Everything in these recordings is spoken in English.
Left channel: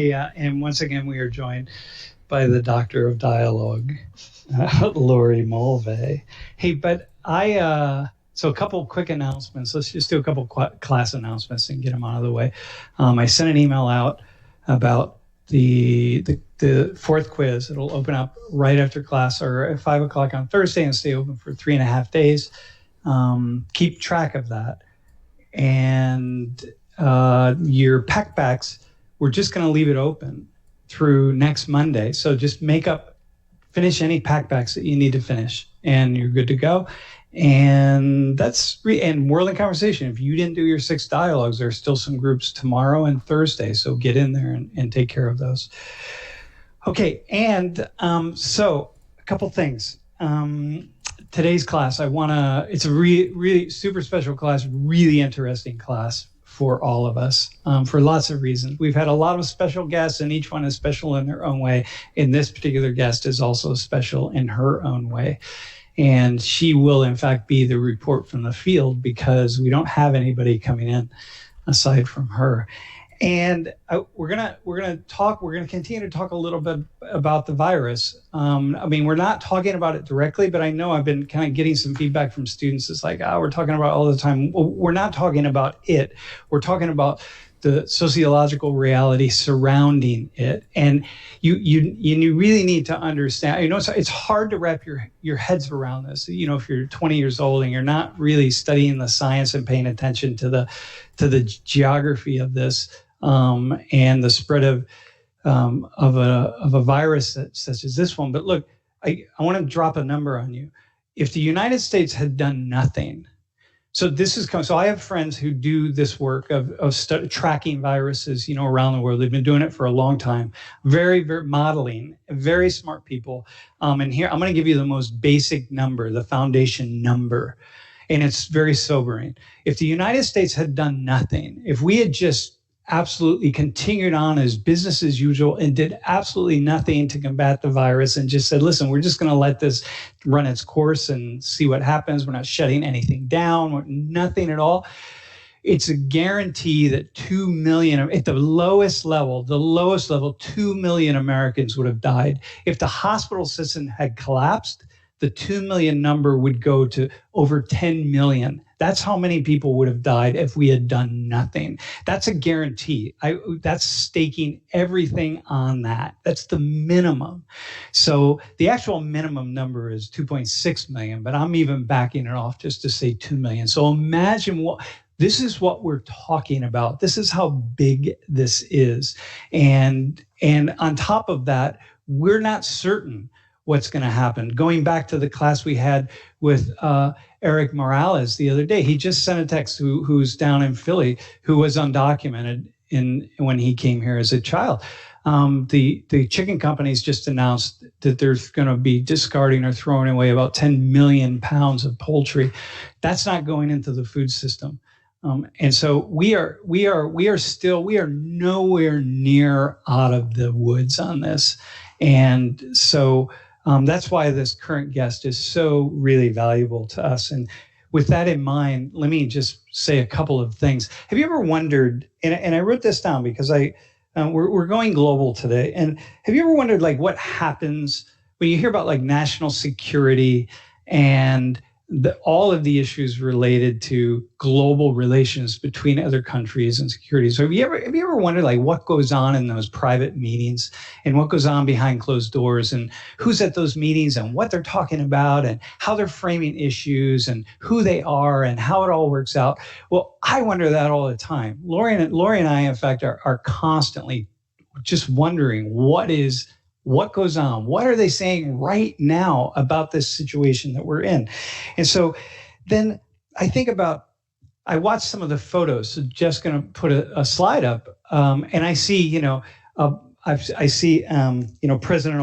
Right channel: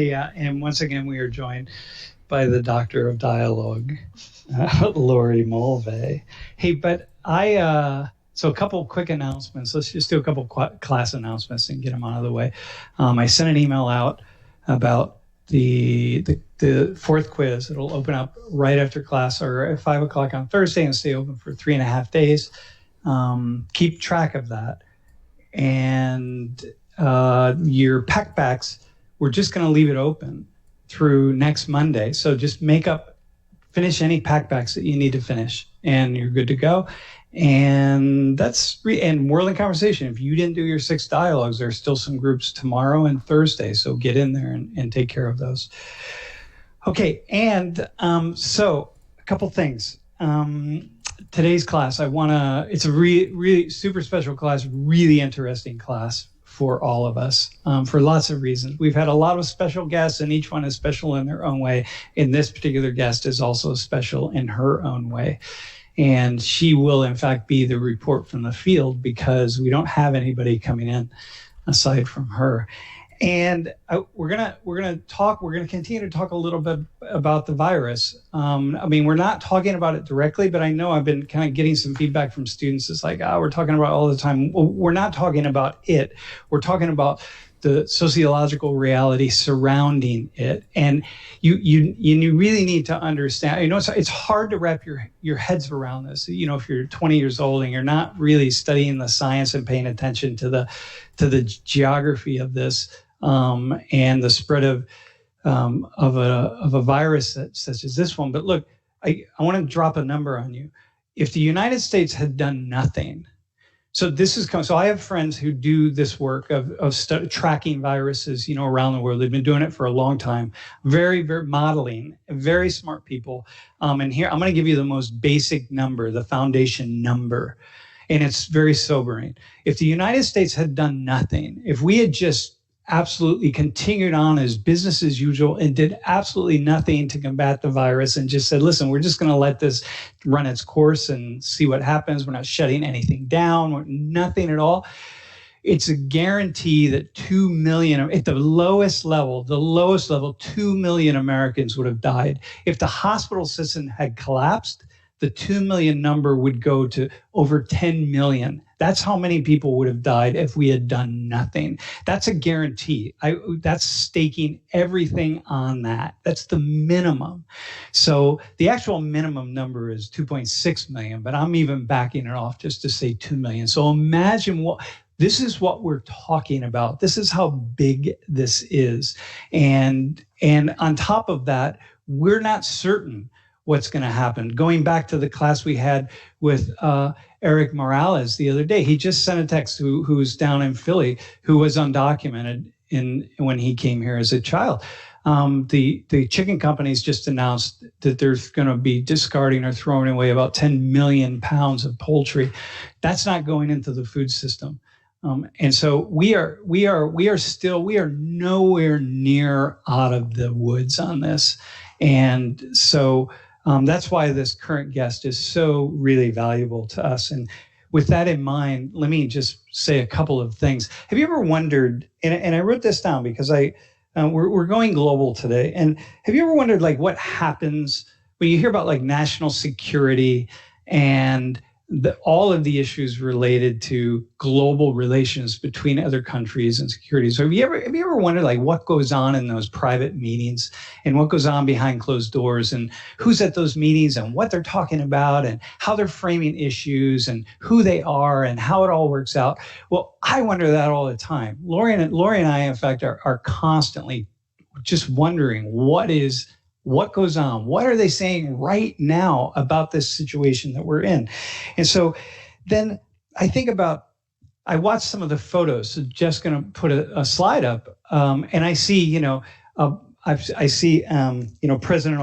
Yeah, and once again, we are joined by the Doctor of Dialogue, Lori Mulvey. Hey, but so a couple quick announcements. Let's just do a couple class announcements and get them out of the way. I sent an email out about the fourth quiz. It'll open up right after class or at 5 o'clock on Thursday and stay open for 3.5 days. Keep track of that. And your packbacks, we're just going to leave it open through next Monday. So just finish any packbacks that you need to finish, and you're good to go. And and World in Conversation. If you didn't do your 6 dialogues, there are still some groups tomorrow and Thursday. So get in there and take care of those. Okay, and so a couple things. Today's class, it's a really super special class, really interesting class for all of us, for lots of reasons. We've had a lot of special guests, and each one is special in their own way. And this particular guest is also special in her own way. And she will, in fact, be the report from the field because we don't have anybody coming in aside from her. And we're gonna continue to talk a little bit about the virus. We're not talking about it directly, but I know I've been kind of getting some feedback from students. It's like, we're talking about it all the time. Well, we're not talking about it. We're talking about the sociological reality surrounding it. And you really need to understand, it's hard to wrap your heads around this. If you're 20 years old and you're not really studying the science and paying attention to the geography of this, and the spread of a virus such as this one. But look, I want to drop a number on you. If the United States had done nothing, so I have friends who do this work of tracking viruses, around the world. They've been doing it for a long time. Very, very modeling, very smart people. And here I'm going to give you the most basic number, the foundation number. And it's very sobering. If the United States had done nothing, if we had just absolutely continued on as business as usual and did absolutely nothing to combat the virus and just said, listen, we're just going to let this run its course and see what happens. We're not shutting anything down, nothing at all. It's a guarantee that 2 million, at the lowest level, 2 million Americans would have died. If the hospital system had collapsed, the 2 million number would go to over 10 million. That's how many people would have died if we had done nothing. That's a guarantee. That's staking everything on that. That's the minimum. So the actual minimum number is 2.6 million, but I'm even backing it off just to say 2 million. So imagine this is what we're talking about. This is how big this is. And on top of that, we're not certain what's going to happen. Going back to the class we had with Eric Morales the other day, he just sent a text who's down in Philly, who was undocumented when he came here as a child. The chicken companies just announced that they're going to be discarding or throwing away about 10 million pounds of poultry. That's not going into the food system. And so we are nowhere near out of the woods on this. And so that's why this current guest is so really valuable to us. And with that in mind, let me just say a couple of things. Have you ever wondered, and I wrote this down because we're going global today. And have you ever wondered what happens when you hear about national security and all of the issues related to global relations between other countries and security? So have you ever wondered what goes on in those private meetings and what goes on behind closed doors and who's at those meetings and what they're talking about and how they're framing issues and who they are and how it all works out? Well, I wonder that all the time. Lori and I, in fact, are constantly just wondering what goes on? What are they saying right now about this situation that we're in? And so then I watched some of the photos. So Jeff's going to put a slide up, and I see, President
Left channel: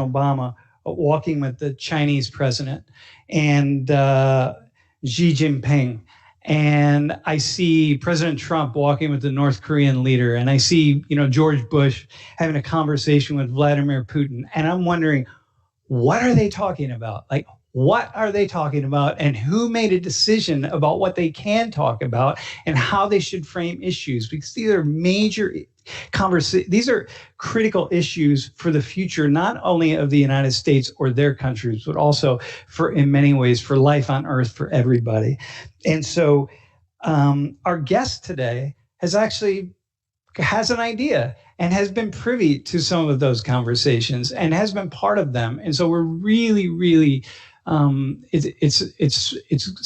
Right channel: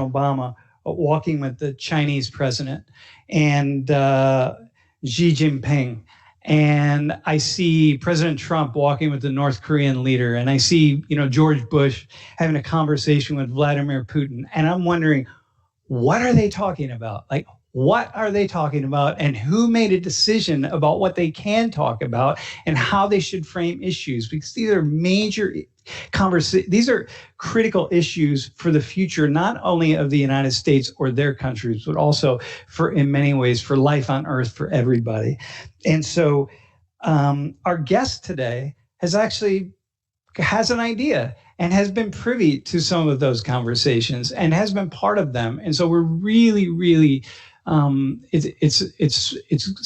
Obama walking with the Chinese president and Xi Jinping. And I see President Trump walking with the North Korean leader. And I see, George Bush having a conversation with Vladimir Putin. And I'm wondering, what are they talking about? what are they talking about and who made a decision about what they can talk about and how they should frame issues, because these are major these are critical issues for the future, not only of the United States or their countries, but also for, in many ways, for life on Earth, for everybody. And so our guest today has an idea and has been privy to some of those conversations and has been part of them. And so we're really, really, it's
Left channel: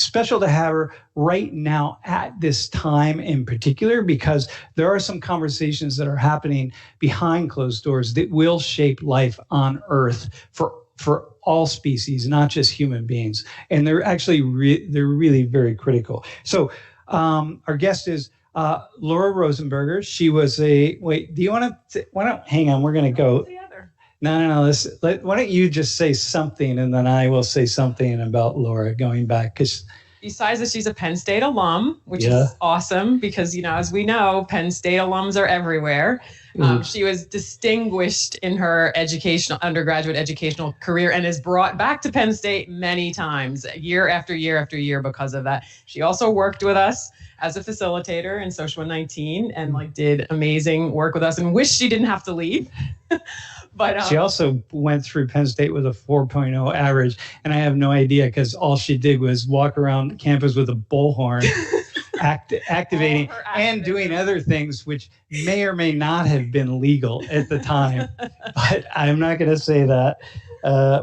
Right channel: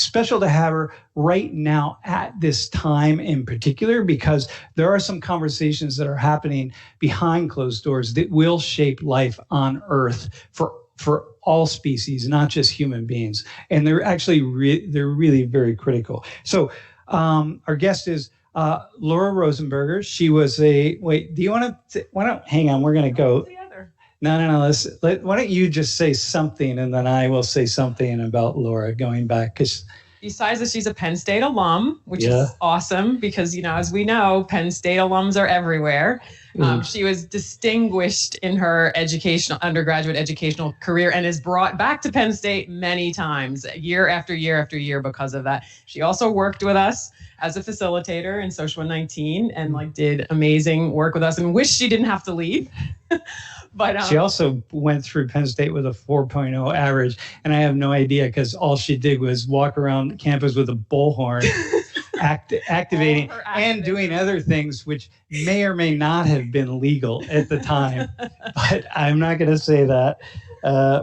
special to have her right now at this time in particular, because there are some conversations that are happening behind closed doors that will shape life on Earth for all species, not just human beings. And they're actually, they're really very critical. So our guest is Laura Rosenberger. She was wait, do you want to, hang on, we're going to go. No. Why don't you just say something and then I will say something about Laura going back, because besides that, she's a Penn State alum, which is awesome because, as we know, Penn State alums are everywhere. She was distinguished in her undergraduate educational career and is brought back to Penn State many times, year after year after year because of that. She also worked with us as a facilitator in Social 19 and did amazing work with us and wish she didn't have to leave. But she also went through Penn State with a 4.0 average, and I have no idea because all she did was walk around campus with a bullhorn, activating and doing other things which may or may not have been legal at the time. But I'm not going to say that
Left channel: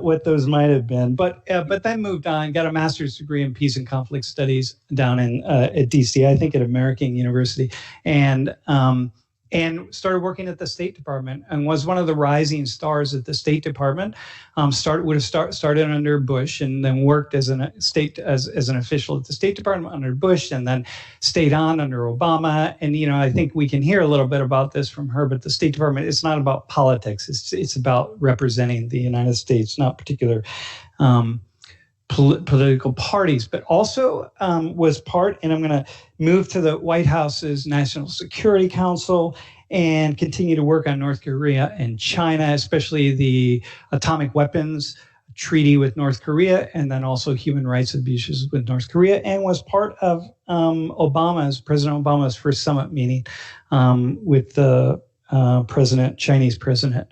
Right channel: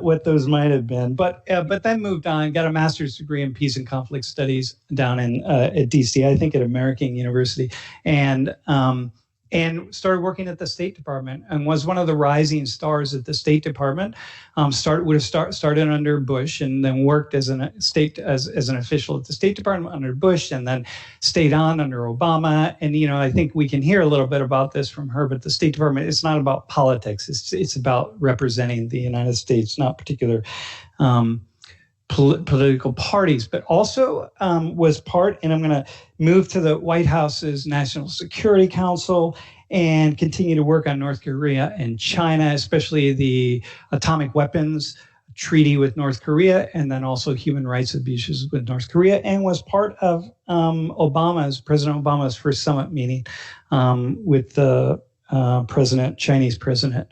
what those might have been. But then moved on, got a master's degree in peace and conflict studies down in at DC, I think at American University, and started working at the State Department and was one of the rising stars at the State Department. Started under Bush and then worked as an official at the State Department under Bush and then stayed on under Obama. And, I think we can hear a little bit about this from her, but the State Department, it's not about politics. It's about representing the United States, not particular political parties, but also was part, and I'm going to move to the White House's National Security Council and continue to work on North Korea and China, especially the atomic weapons treaty with North Korea, and then also human rights abuses with North Korea, and was part of President Obama's first summit meeting with the Chinese president.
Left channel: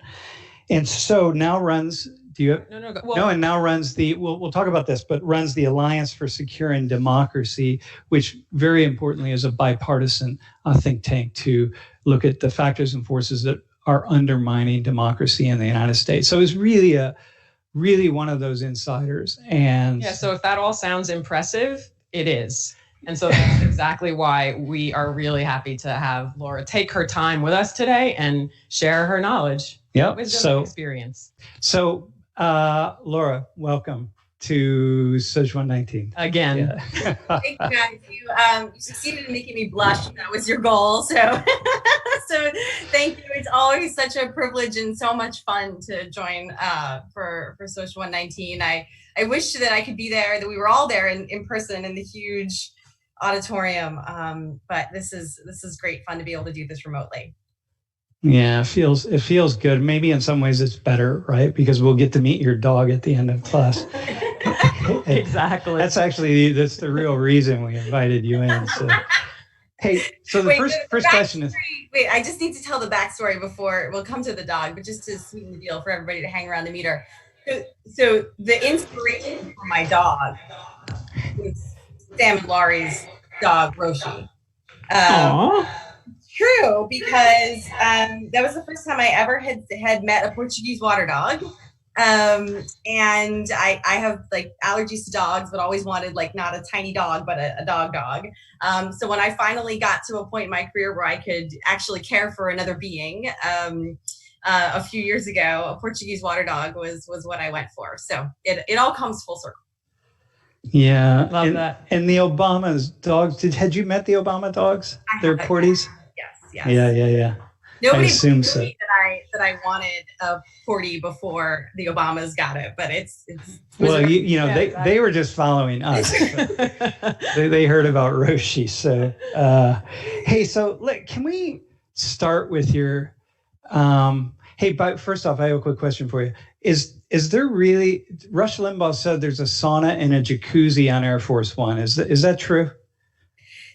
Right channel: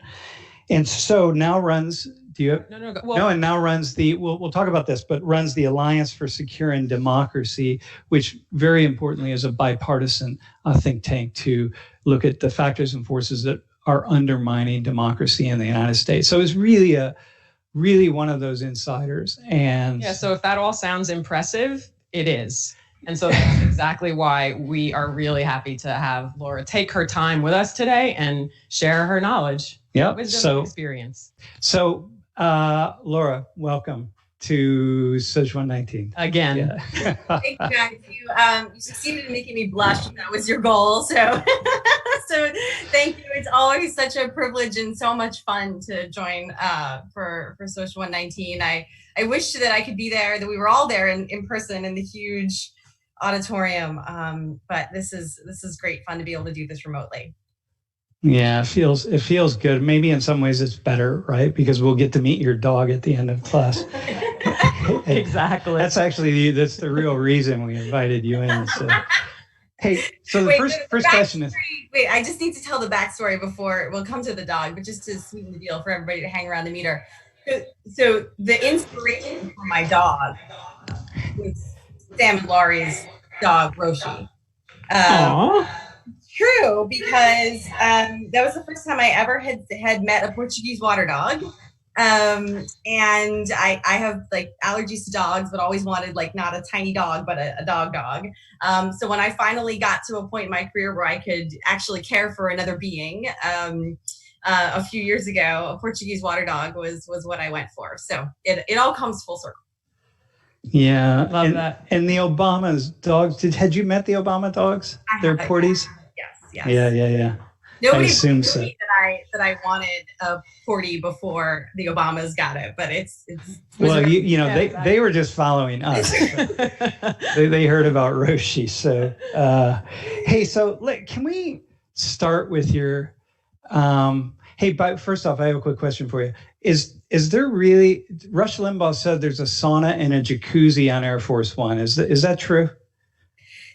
And so now runs and now runs we'll talk about this, but runs the Alliance for Securing Democracy, which very importantly is a bipartisan think tank to look at the factors and forces that are undermining democracy in the United States. So it's really one of those insiders. And so if that all sounds impressive, it is. And so that's exactly why we are really happy to have Laura take her time with us today and share her knowledge, wisdom, and experience. So Laura, welcome to Social 19. Again. Yeah. Thank you, guys. You succeeded in making me blush. That was your goal. So thank you. It's always such a privilege and so much fun to join for Social 119. I wish that I could be there, that we were all there in person in the huge auditorium. But this is great fun to be able to do this remotely. Yeah, it feels good. Maybe in some ways it's better, right? Because we'll get to meet your dog at the end of class. Exactly. That's the real reason we invited you in. So. Hey, so the first question is... Wait, I just need to tell the backstory before we'll come to the dog, but just to sweeten the deal for everybody to hang around to meet her. So the inspiration for my dog was Sam and Laurie's dog, Roshi. True, because that was the first time I ever had met a Portuguese water dog. And I have allergies to dogs, but always wanted not a tiny dog, but a dog. So when I finally got to a point in my career where I could actually care for another being, a few years ago, a Portuguese water dog was what I went for. So it all comes full circle. Yeah. Love that. And the Obama's dogs, had you met the Obama dogs? They're Porties? Yes. Yeah. Nobody I assume so. That I wanted a Portie before the Obamas got it, but it's well, they were just following us. They heard about Roshi. So, hey, so can we start with your, but first off, I have a quick question for you. is there really, Rush Limbaugh said there's a sauna and a jacuzzi on Air Force One. Is that true?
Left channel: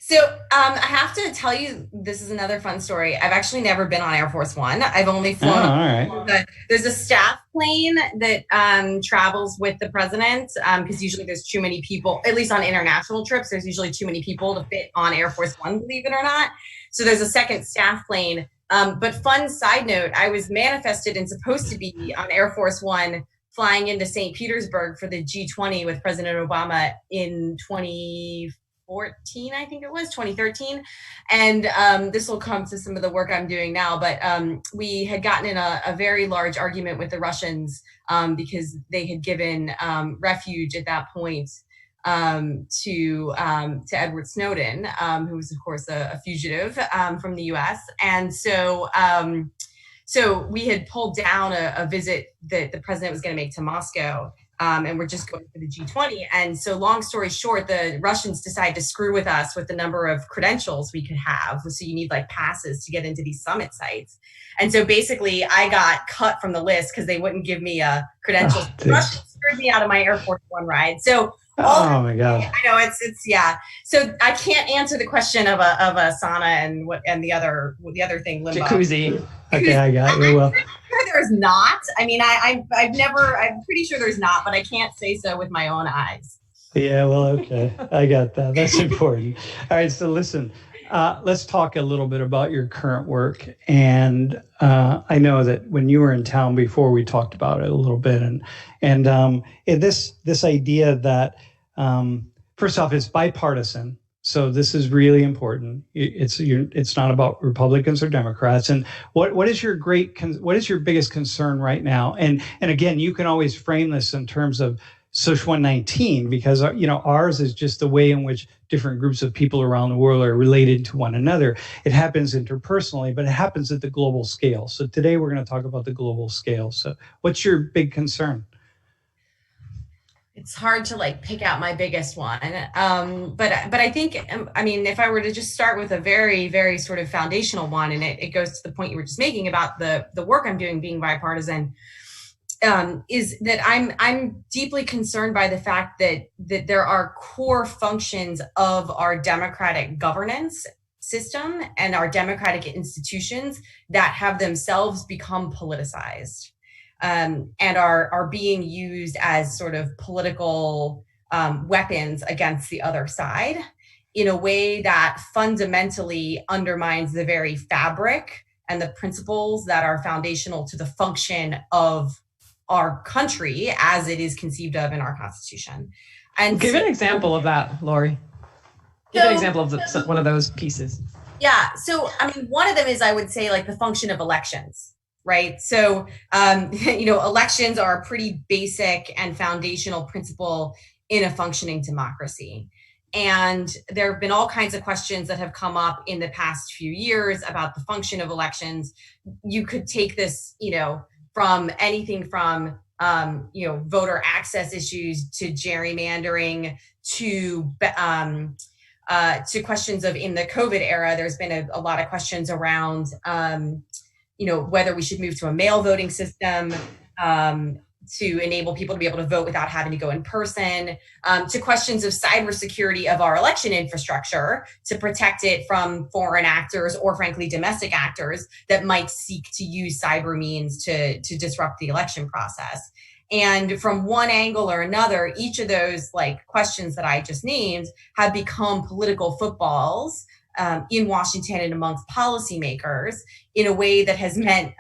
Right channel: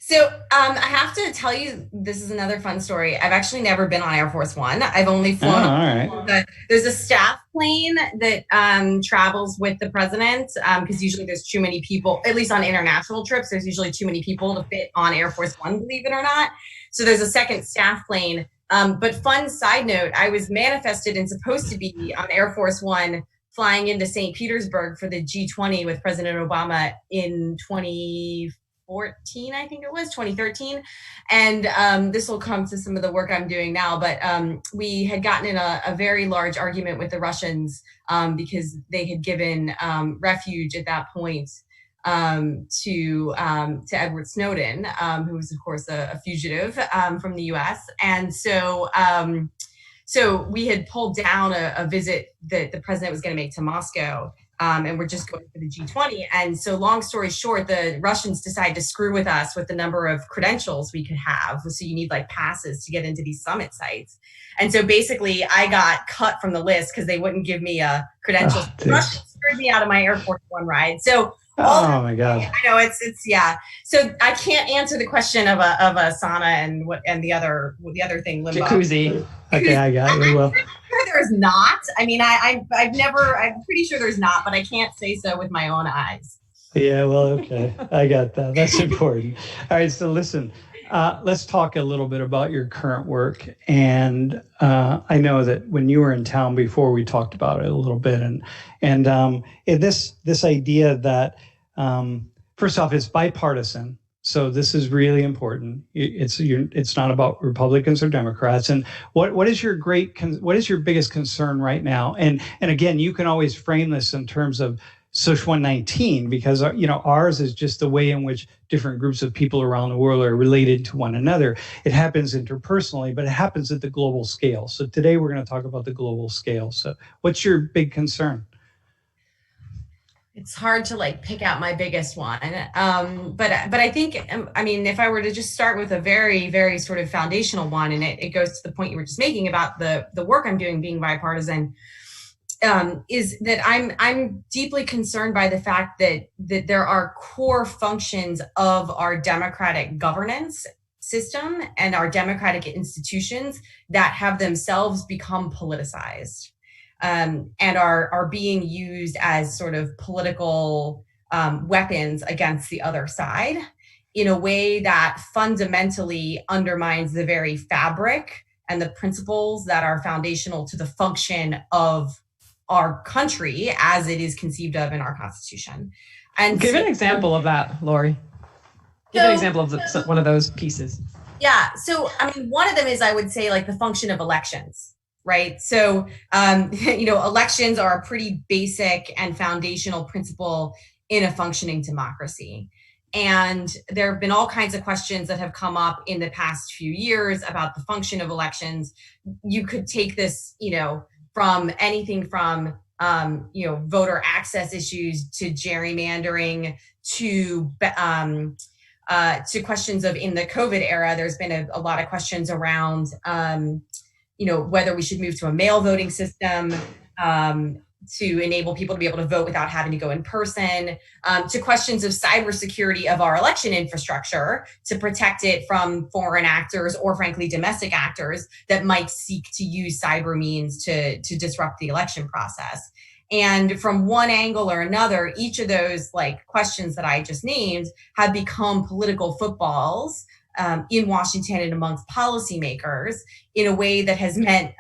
So I have to tell you, this is another fun story. I've actually never been on Air Force One. I've only flown. Oh, all right. There's a staff plane that travels with the president because usually there's too many people, at least on international trips, there's usually too many people to fit on Air Force One, believe it or not. So there's a second staff plane. But fun side note, I was manifested and supposed to be on Air Force One flying into St. Petersburg for the G20 with President Obama in 2014, I think it was 2013. And this will come to some of the work I'm doing now, but we had gotten in a very large argument with the Russians because they had given refuge at that point to Edward Snowden, who was of course a fugitive from the US. And so we had pulled down a visit that the president was going to make to Moscow. And we're just going for the G20. And so long story short, the Russians decided to screw with us with the number of credentials we could have. So you need like passes to get into these summit sites. And so basically I got cut from the list because they wouldn't give me a credential. The Russians screwed me out of my Air Force One ride. So oh my God. I know it's yeah. So I can't answer the question of a sauna and the other thing, Limbaugh. Jacuzzi. Okay, I got you. Well, there's not. I mean, I'm pretty sure there's not, but I can't say so with my own eyes. Yeah, well, okay. I got that. That's important. All right, so listen, let's talk a little bit about your current work. And I know that when you were in town before, we talked about it a little bit. And this idea that, first off, it's bipartisan. So this is really important. It's not about Republicans or Democrats. And what is your biggest concern right now? And again, you can always frame this in terms of Social 119 because ours is just the way in which different groups of people around the world are related to one another. It happens interpersonally, but it happens at the global scale. So today we're going to talk about the global scale. So what's your big concern? It's hard to like pick out my biggest one. But I think, I mean, if I were to just start with a very, very sort of foundational one, and it goes to the point you were just making about the work I'm doing being bipartisan, is that I'm deeply concerned by the fact that there are core functions of our democratic governance system and our democratic institutions that have themselves become politicized. And are being used as sort of political weapons against the other side in a way that fundamentally undermines the very fabric and the principles that are foundational to the function of our country as it is conceived of in our Constitution. And give an example of that, Lori. Give an example of one of those pieces. Yeah. So, I mean, one of them is, I would say, like the function of elections. Right. So, elections are a pretty basic and foundational principle in a functioning democracy. And there have been all kinds of questions that have come up in the past few years about the function of elections. You could take this, from anything from, voter access issues to gerrymandering to questions of, in the COVID era, there's been a lot of questions around, whether we should move to a mail voting system to enable people to be able to vote without having to go in person, to questions of cybersecurity of our election infrastructure to protect it from foreign actors or, frankly, domestic actors that might seek to use cyber means to disrupt the election process. And from one angle or another, each of those questions that I just named have become political footballs in Washington and amongst policymakers in a way that has meant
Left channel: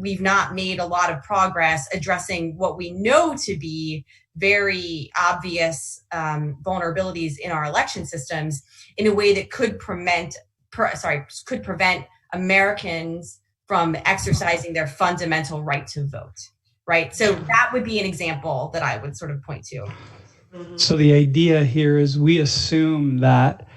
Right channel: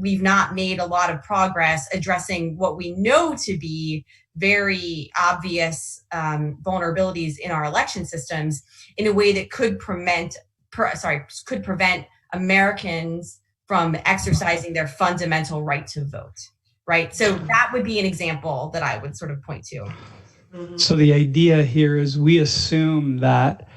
we've not made a lot of progress addressing what we know to be very obvious vulnerabilities in our election systems in a way that could prevent Americans from exercising their fundamental right to vote. Right. So that would be an example that I would sort of point to. So the idea here is we assume that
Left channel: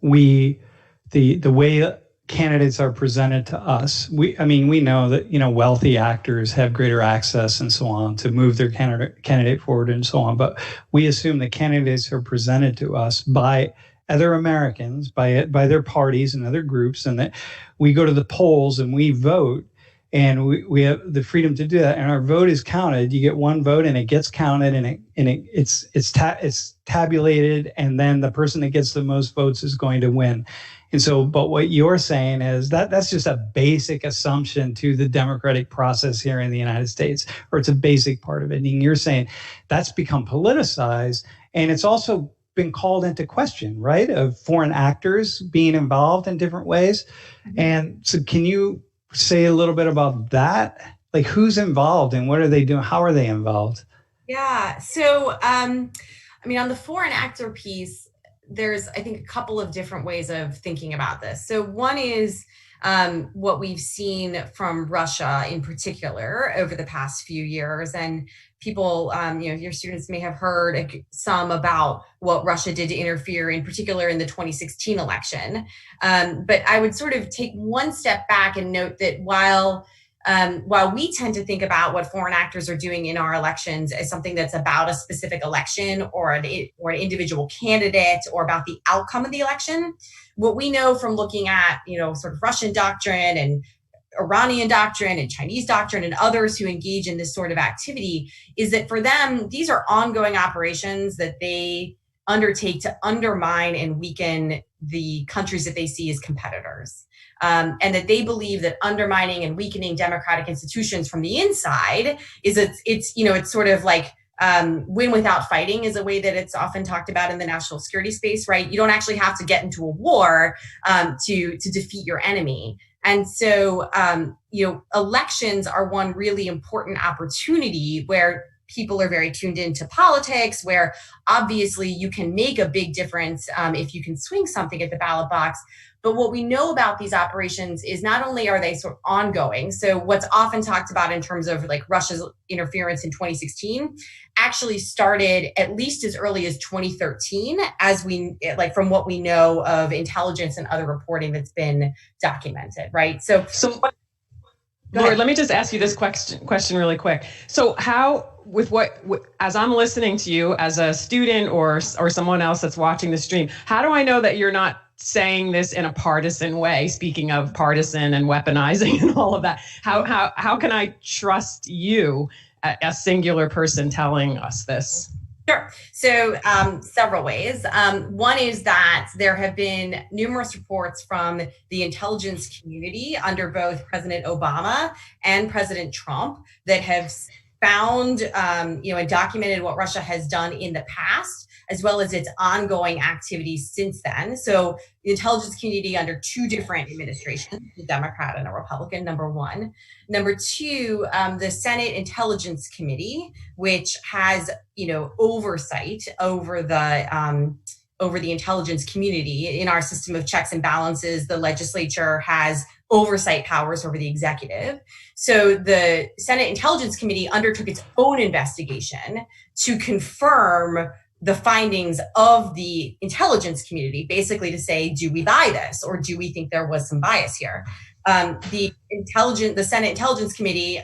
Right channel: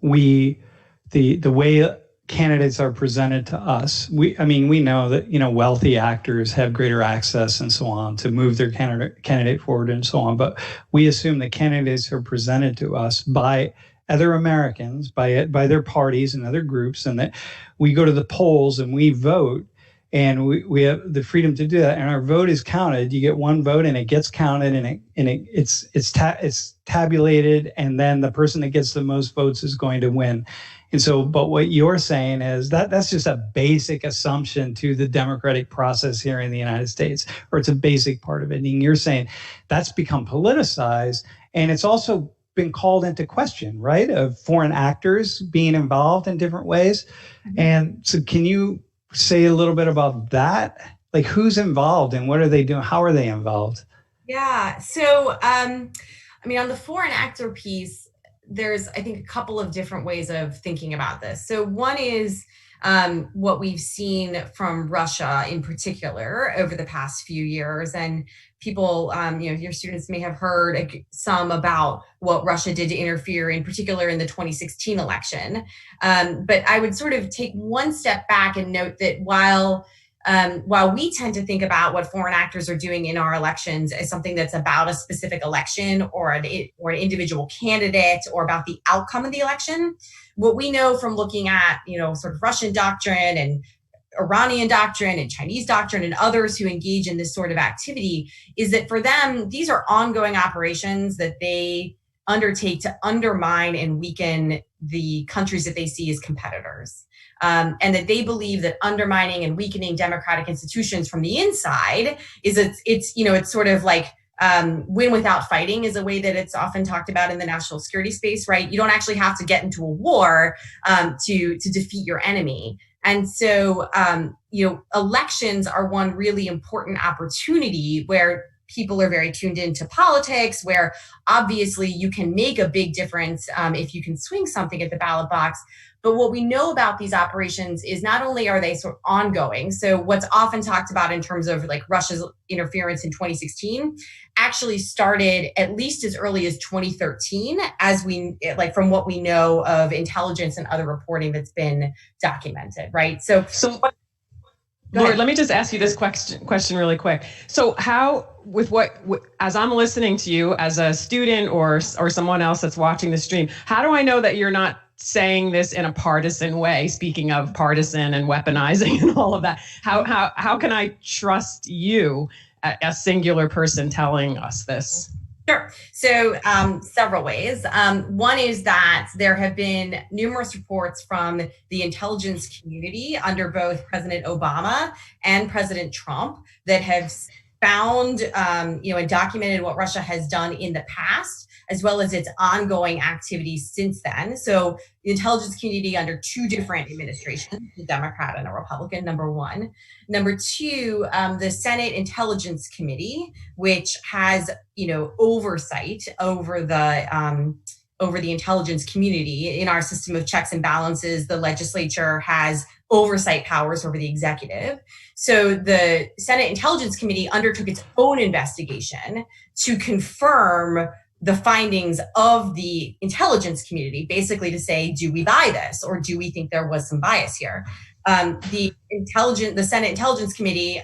the way candidates are presented to us, we know that, wealthy actors have greater access and so on to move their candidate forward and so on. But we assume that candidates are presented to us by other Americans, by their parties and other groups, and that we go to the polls and we vote. and we have the freedom to do that. And our vote is counted. You get one vote, and it gets counted, and it's tabulated, and then the person that gets the most votes is going to win. And so, but what you're saying is that's just a basic assumption to the democratic process here in the United States, or it's a basic part of it. And you're saying that's become politicized, and it's also been called into question, right? Of foreign actors being involved in different ways. And so can you say a little bit about that? Like, who's involved and what are they doing? How are they involved? Yeah. So, I mean, on the foreign actor piece, there's, I think, a couple of different ways of thinking about this. So one is what we've seen from Russia in particular over the past few years. And people, your students may have heard some about what Russia did to interfere, in particular in the 2016 election. But I would sort of take one step back and note that while we tend to think about what foreign actors are doing in our elections as something that's about a specific election or an individual candidate or about the outcome of the election, what we know from looking at, sort of Russian doctrine and Iranian doctrine and Chinese doctrine and others who engage in this sort of activity is that for them, these are ongoing operations that they undertake to undermine and weaken the countries that they see as competitors. And that they believe that undermining and weakening democratic institutions from the inside it's sort of like win without fighting is a way that it's often talked about in the national security space, right? You don't actually have to get into a war to defeat your enemy. And so, elections are one really important opportunity where people are very tuned into politics, where obviously you can make a big difference if you can swing something at the ballot box. But what we know about these operations is not only are they sort of ongoing, so what's often talked about in terms of like Russia's interference in 2016 actually started at least as early as 2013, from what we know of intelligence and other reporting that's been documented, right? So Laura, let me just ask you this question really quick. So how, as I'm listening to you as a student or someone else that's watching the stream, how do I know that you're not saying this in a partisan way? Speaking of partisan and weaponizing and all of that, how can I trust you, a singular person telling us this? Sure. So several ways. One is that there have been numerous reports from the intelligence community under both President Obama and President Trump that have found, and documented what Russia has done in the past, as well as its ongoing activities since then. So the intelligence community under two different administrations, a Democrat and a Republican, number one. Number two, the Senate Intelligence Committee, which has, oversight over the intelligence community. In our system of checks and balances, the legislature has oversight powers over the executive. So the Senate Intelligence Committee undertook its own investigation to confirm the findings of the intelligence community, basically to say, do we buy this, or do we think there was some bias here? The Senate Intelligence Committee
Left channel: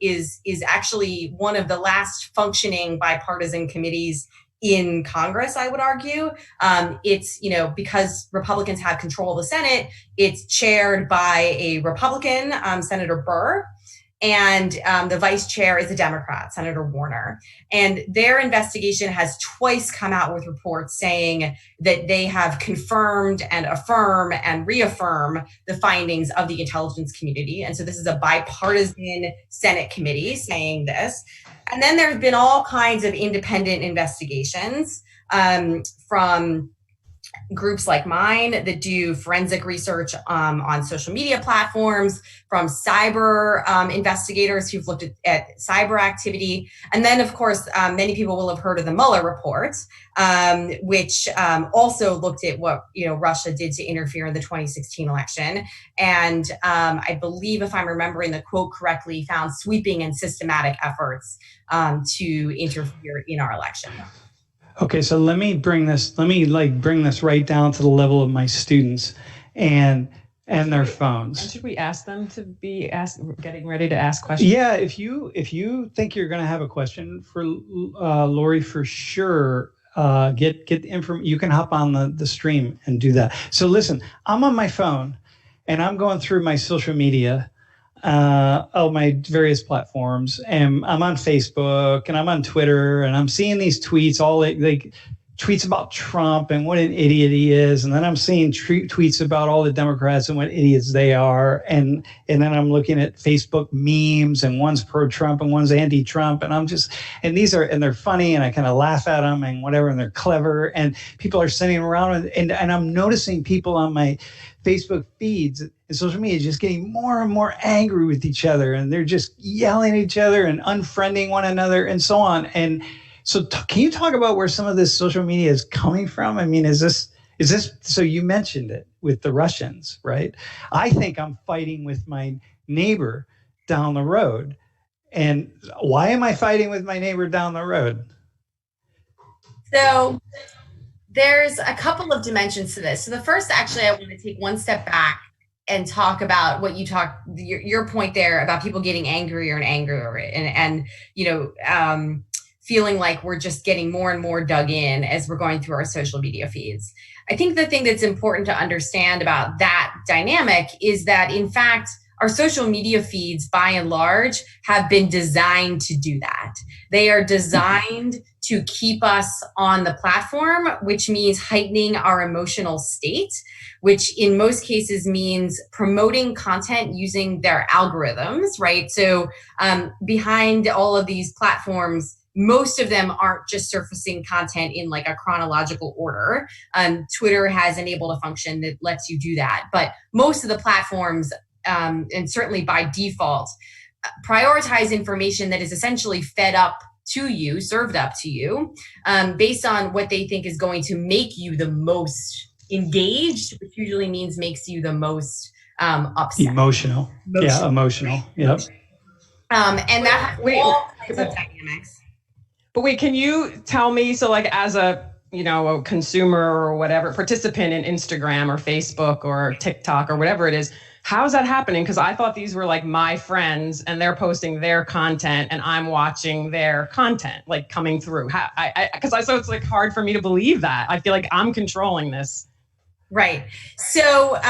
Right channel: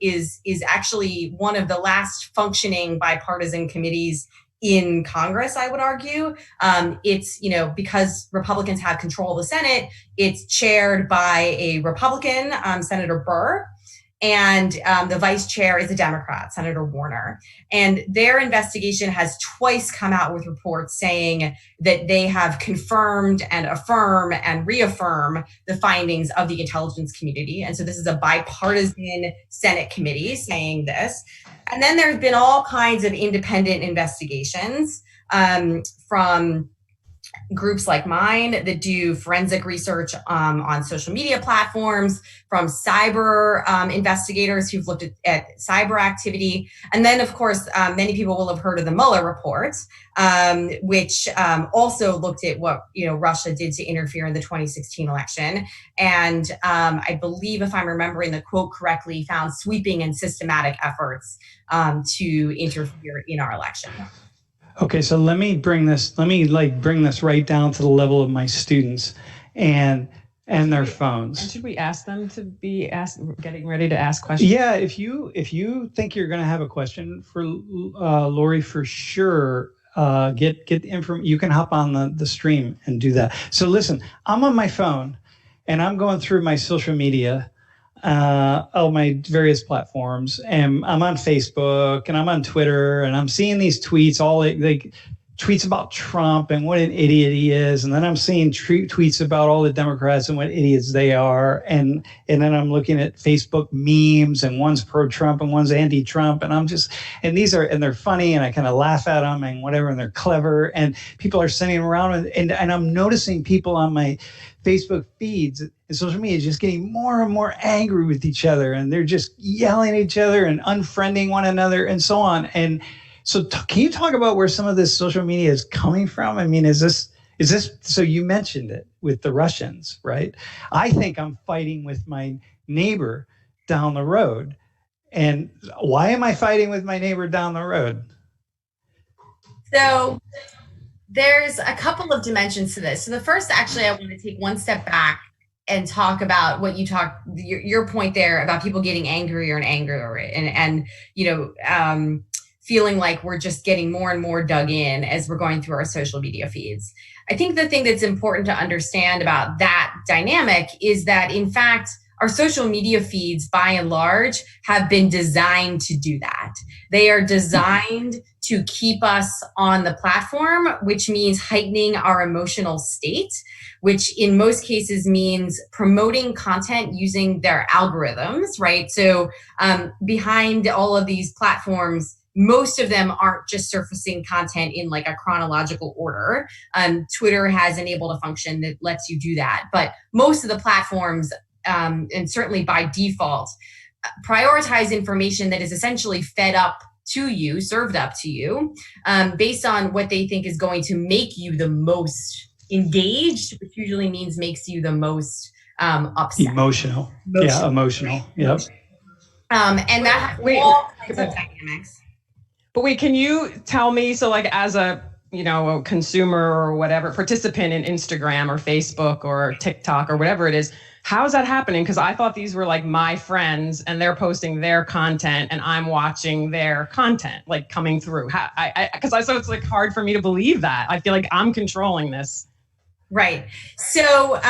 is actually one of the last functioning bipartisan committees in Congress, I would argue. It's, because Republicans have control of the Senate, it's chaired by a Republican, Senator Burr, and the vice chair is a Democrat, Senator Warner. And their investigation has twice come out with reports saying that they have confirmed and affirm and reaffirm the findings of the intelligence community. And so this is a bipartisan Senate committee saying this. And then there's been all kinds of independent investigations from groups like mine that do forensic research on social media platforms, from cyber investigators who've looked at cyber activity. And then, of course, many people will have heard of the Mueller report, which also looked at what Russia did to interfere in the 2016 election. And I believe, if I'm remembering the quote correctly, found sweeping and systematic efforts to interfere in our election. Okay, so let me bring this right down to the level of my students and their phones. And should we ask them to be getting ready to ask questions? Yeah, if you think you're going to have a question for Lori, for sure, get the information. You can hop on the stream and do that. So listen, I'm on my phone and I'm going through my social media, my various platforms, and I'm on Facebook and I'm on Twitter, and I'm seeing these tweets, all like tweets about Trump and what an idiot he is, and then I'm seeing tweets about all the Democrats and what idiots they are, and then I'm looking at Facebook memes, and one's pro-Trump and one's anti-Trump, and they're funny, and I kind of laugh at them and whatever, and they're clever, and people are sending them around, and I'm noticing people on my Facebook feeds and social media just getting more and more angry with each other, and they're just yelling at each other and unfriending one another and so on. And so can you talk about where some of this social media is coming from? I mean, is this, so you mentioned it with the Russians, right? I think I'm fighting with my neighbor down the road. And why am I fighting with my neighbor down the road? So there's a couple of dimensions to this. So the first, actually, I want to take one step back and talk about what you your point there about people getting angrier and angrier and feeling like we're just getting more and more dug in as we're going through our social media feeds. I think the thing that's important to understand about that dynamic is that, in fact, our social media feeds, by and large, have been designed to do that. They are designed to keep us on the platform, which means heightening our emotional state, which in most cases means promoting content using their algorithms, right? So behind all of these platforms, most of them aren't just surfacing content in like a chronological order. Twitter has enabled a function that lets you do that. But most of the platforms, and certainly by default, prioritize information that is essentially fed up to you, served up to you, based on what they think is going to make you the most engaged, which usually means makes you the most upset. Emotional. Yeah, emotional. Yep. And that has all kinds of dynamics. But wait, can you tell me, so like as a consumer or whatever, participant in Instagram or Facebook or TikTok or whatever it is, how's that happening? Because I thought these were like my friends and they're posting their content and I'm watching their content like coming through. So it's like hard for me to believe that. I feel like I'm controlling this. Right. So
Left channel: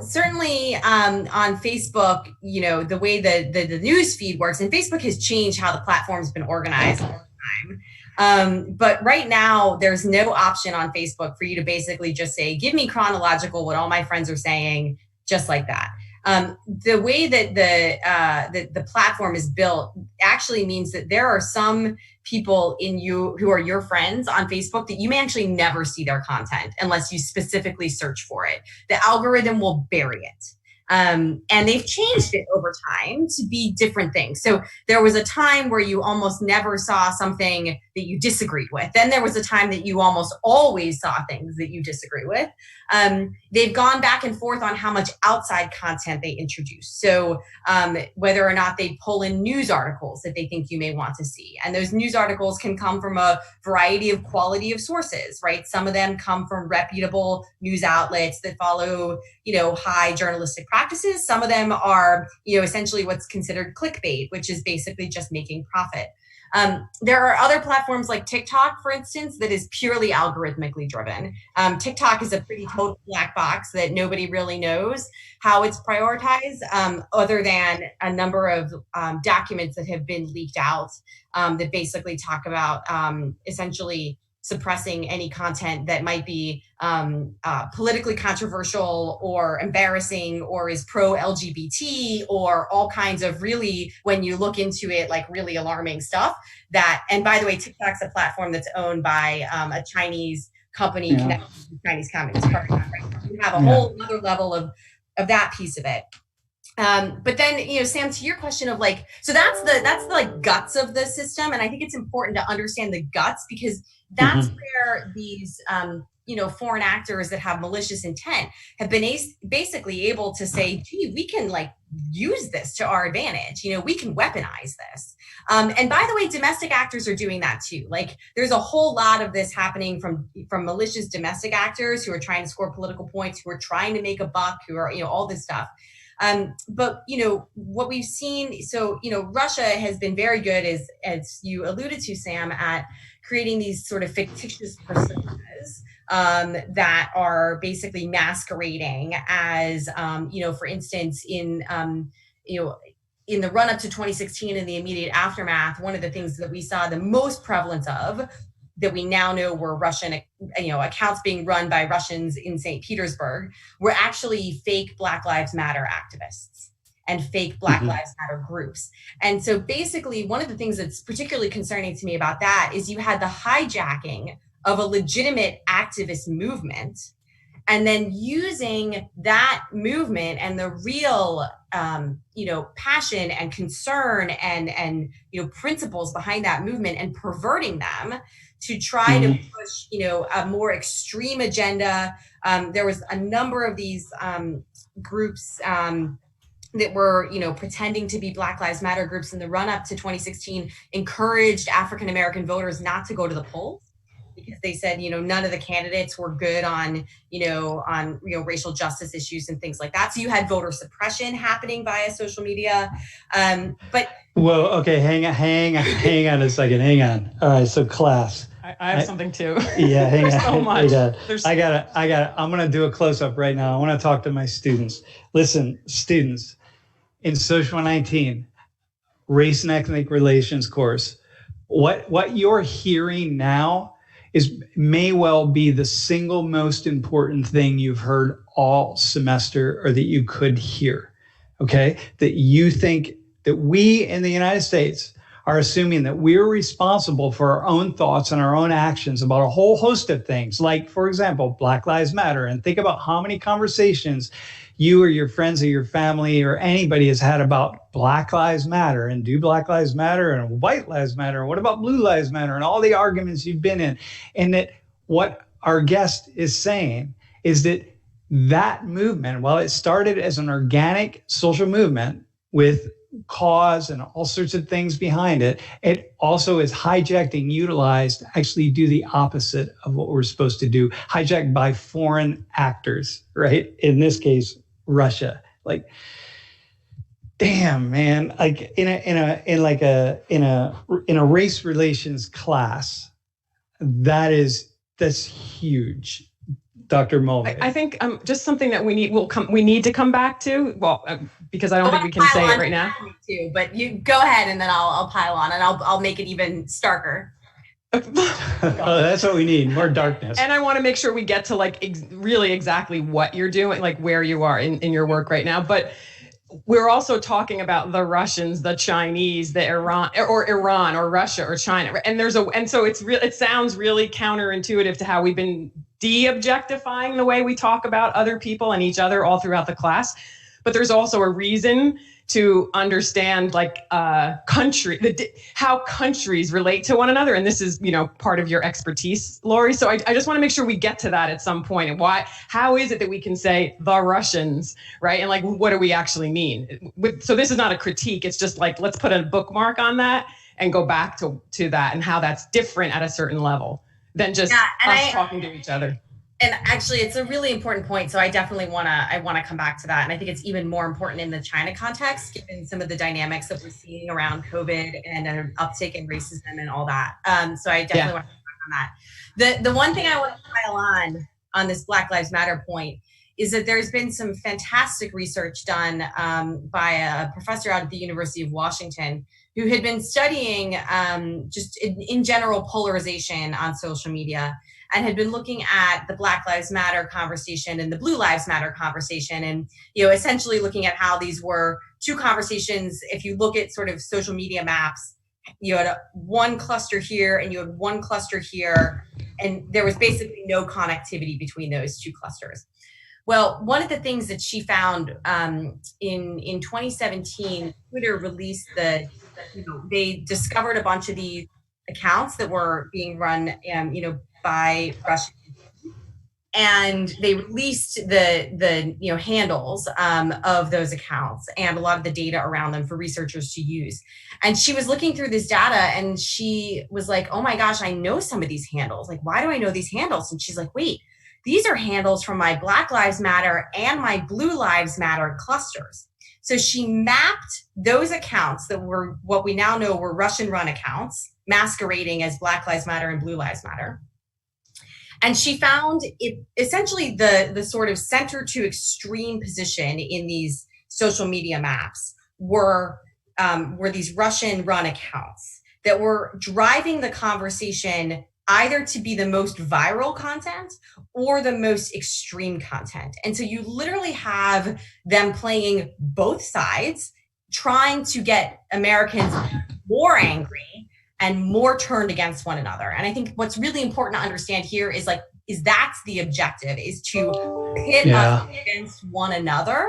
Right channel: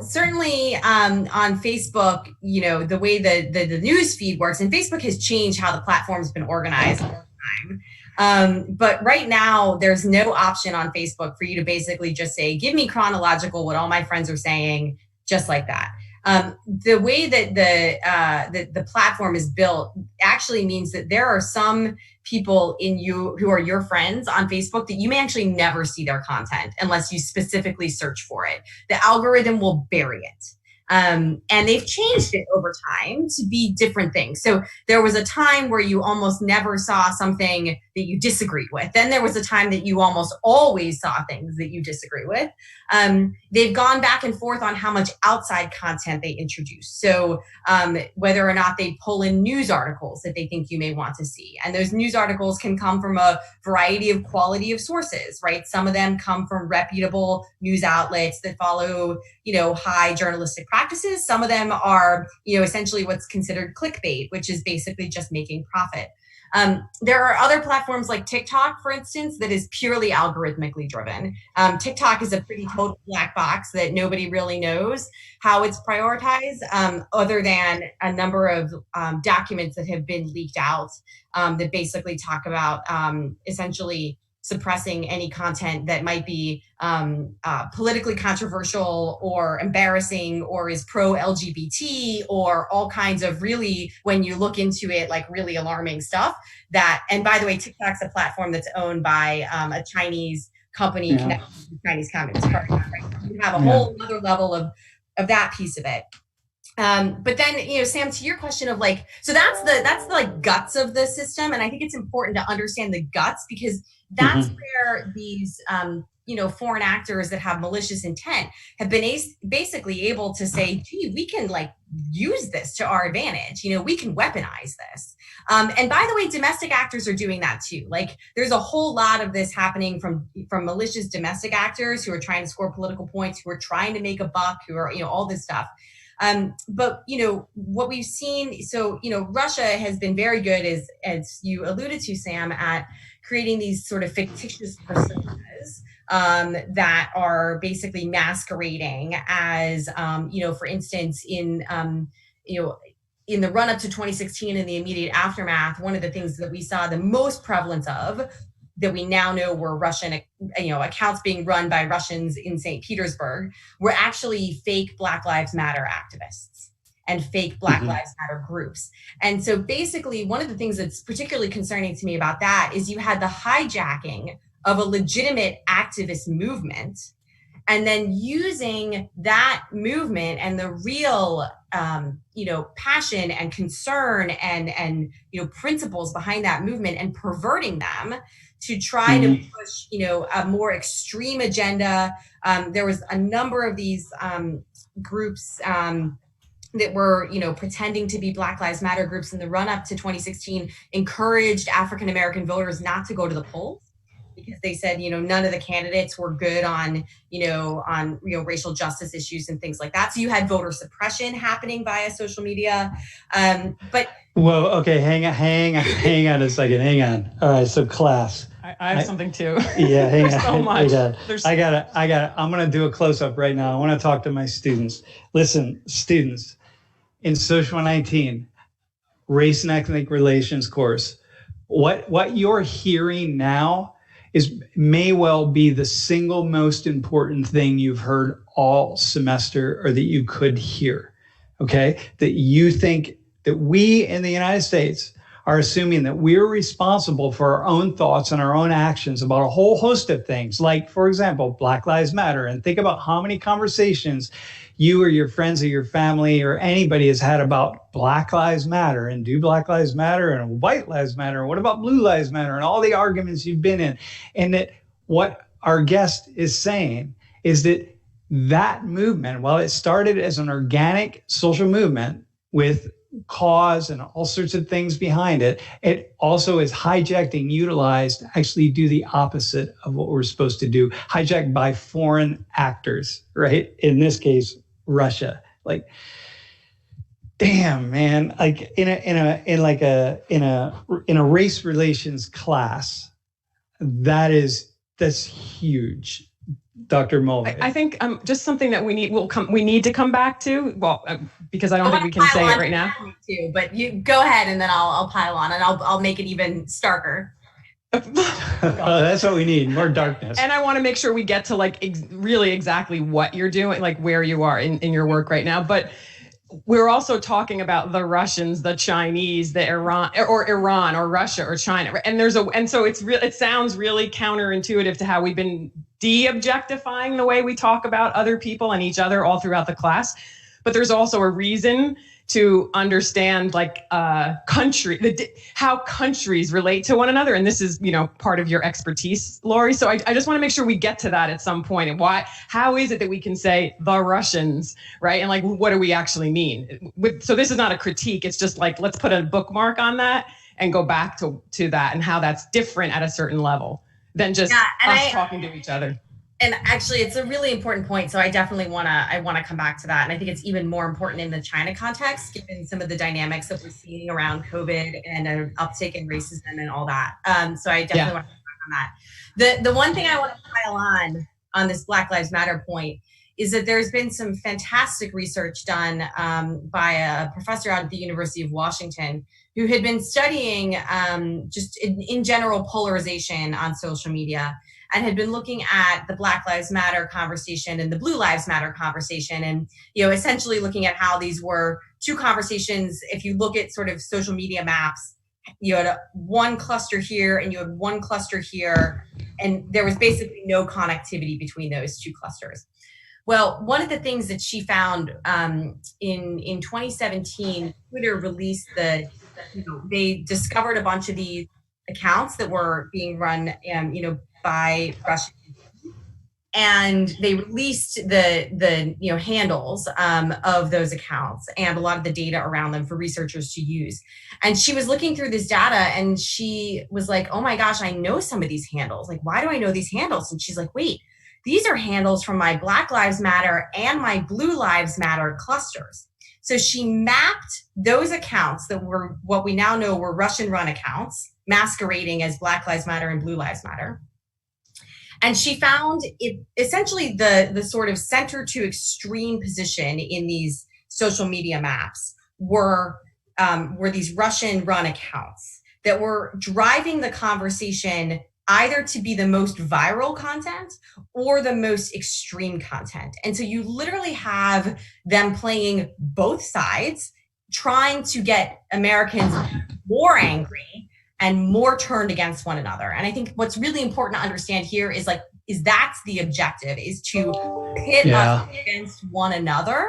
certainly on Facebook, the way the news feed works, and Facebook has changed how the platform's been organized over time. But right now, there's no option on Facebook for you to basically just say, give me chronological what all my friends are saying, just like that. The way that the platform is built actually means that there are some people who are your friends on Facebook that you may actually never see their content unless you specifically search for it. The algorithm will bury it. And they've changed it over time to be different things. So there was a time where you almost never saw something that you disagreed with. Then there was a time that you almost always saw things that you disagree with. They've gone back and forth on how much outside content they introduce. So whether or not they pull in news articles that they think you may want to see. And those news articles can come from a variety of quality of sources, right? Some of them come from reputable news outlets that follow, high journalistic practices. Some of them are, essentially what's considered clickbait, which is basically just making profit. There are other platforms like TikTok, for instance, that is purely algorithmically driven. TikTok is a pretty total black box that nobody really knows how it's prioritized, other than a number of documents that have been leaked out that basically talk about essentially suppressing any content that might be politically controversial or embarrassing or is pro-LGBT or all kinds of really, when you look into it, like really alarming stuff. And by the way, TikTok's a platform that's owned by a Chinese company connected to the Chinese Communist Party. Right? You have a whole other level of that piece of it. But then, Sam, to your question of like, so that's the like guts of the system. And I think it's important to understand the guts because that's where these, foreign actors that have malicious intent have been basically able to say, gee, we can like use this to our advantage. We can weaponize this. And by the way, domestic actors are doing that too. Like there's a whole lot of this happening from malicious domestic actors who are trying to score political points, who are trying to make a buck, who are, all this stuff. But, what we've seen, so, Russia has been very good, as you alluded to, Sam, at creating these sort of fictitious personas that are basically masquerading as, for instance, in in the run up to 2016 and the immediate aftermath, one of the things that we saw the most prevalence of that we now know were Russian, accounts being run by Russians in St. Petersburg were actually fake Black Lives Matter activists and fake Black Lives Matter groups. And so basically one of the things that's particularly concerning to me about that is you had the hijacking of a legitimate activist movement and then using that movement and the real, passion and concern and principles behind that movement and perverting them to try to push, a more extreme agenda. There was a number of these groups that were, pretending to be Black Lives Matter groups in the run up to 2016, encouraged African-American voters not to go to the polls because they said, none of the candidates were good on racial justice issues and things like that. So you had voter suppression happening via social media. Well, okay, hang on a second. Hang on. All right, so class. I have something too. Yeah, hang There's on. so much. I got it. I'm going to do a close-up right now. I want to talk to my students. Listen, students, in Social 19, Race and Ethnic Relations course, what you're hearing now may well be the single most important thing you've heard all semester or that you could hear, okay? That you think that we in the United States are assuming that we're responsible for our own thoughts and our own actions about a whole host of things, like, for example, Black Lives Matter. And think about how many conversations you or your friends or your family or anybody has had about Black Lives Matter and do Black Lives Matter and White Lives Matter. And what about Blue Lives Matter and all the arguments you've been in. And that what our guest is saying is that movement, while it started as an organic social movement with cause and all sorts of things behind it, it also is hijacked and utilized to actually do the opposite of what we're supposed to do, hijacked by foreign actors, right? In this case, Russia. Like, damn, man, like in a race relations class, that's huge. Dr. Mulvey. I think just something that we need to come back to. Well, because I don't think we can say it right now. Too, but you go ahead and then I'll pile on and I'll make it even starker. That's what we need, more darkness. And I want to make sure we get to really exactly what you're doing, like where you are in your work right now. But we're also talking about the Russians, the Chinese, the Iran or Russia or China. And so it sounds really counterintuitive to how we've been de-objectifying the way we talk about other people and each other all throughout the class. But there's also a reason to understand how countries relate to one another. And this is, part of your expertise, Lori. So I just want to make sure we get to that at some point. And how is it that we can say the Russians, right? And what do we actually mean? So this is not a critique. It's just let's put a bookmark on that and go back to that and how that's different at a certain level than just us talking to each other. And actually, it's a really important point. So I definitely want to come back to that. And I think it's even more important in the China context, given some of the dynamics that we're seeing around COVID and an uptick in racism and all that. So I definitely want to come back on that. The one thing I want to pile on this Black Lives Matter point is that there's been some fantastic research done by a professor out of the University of Washington who had been studying just in general polarization on social media, and had been looking at the Black Lives Matter conversation and the Blue Lives Matter conversation, and essentially looking at how these were two conversations. If you look at sort of social media maps, you had one cluster here and you had one cluster here, and there was basically no connectivity between those two clusters. Well, one of the things that she found in 2017, Twitter released they discovered a bunch of these accounts that were being run, by Russians, and they released the handles of those accounts and a lot of the data around them for researchers to use. And she was looking through this data and she was like, oh my gosh, I know some of these handles. Like, why do I know these handles? And she's like, wait, these are handles from my Black Lives Matter and my Blue Lives Matter clusters. So she mapped those accounts that were what we now know were Russian run accounts masquerading as Black Lives Matter and Blue Lives Matter. And she found it essentially the sort of center to extreme position in these social media maps were these Russian-run accounts that were driving the conversation either to be the most viral content or the most extreme content. And so you literally have them playing both sides, trying to get Americans more angry and more turned against one another. And I think what's really important to understand here is that's the objective, is to pit us against one another.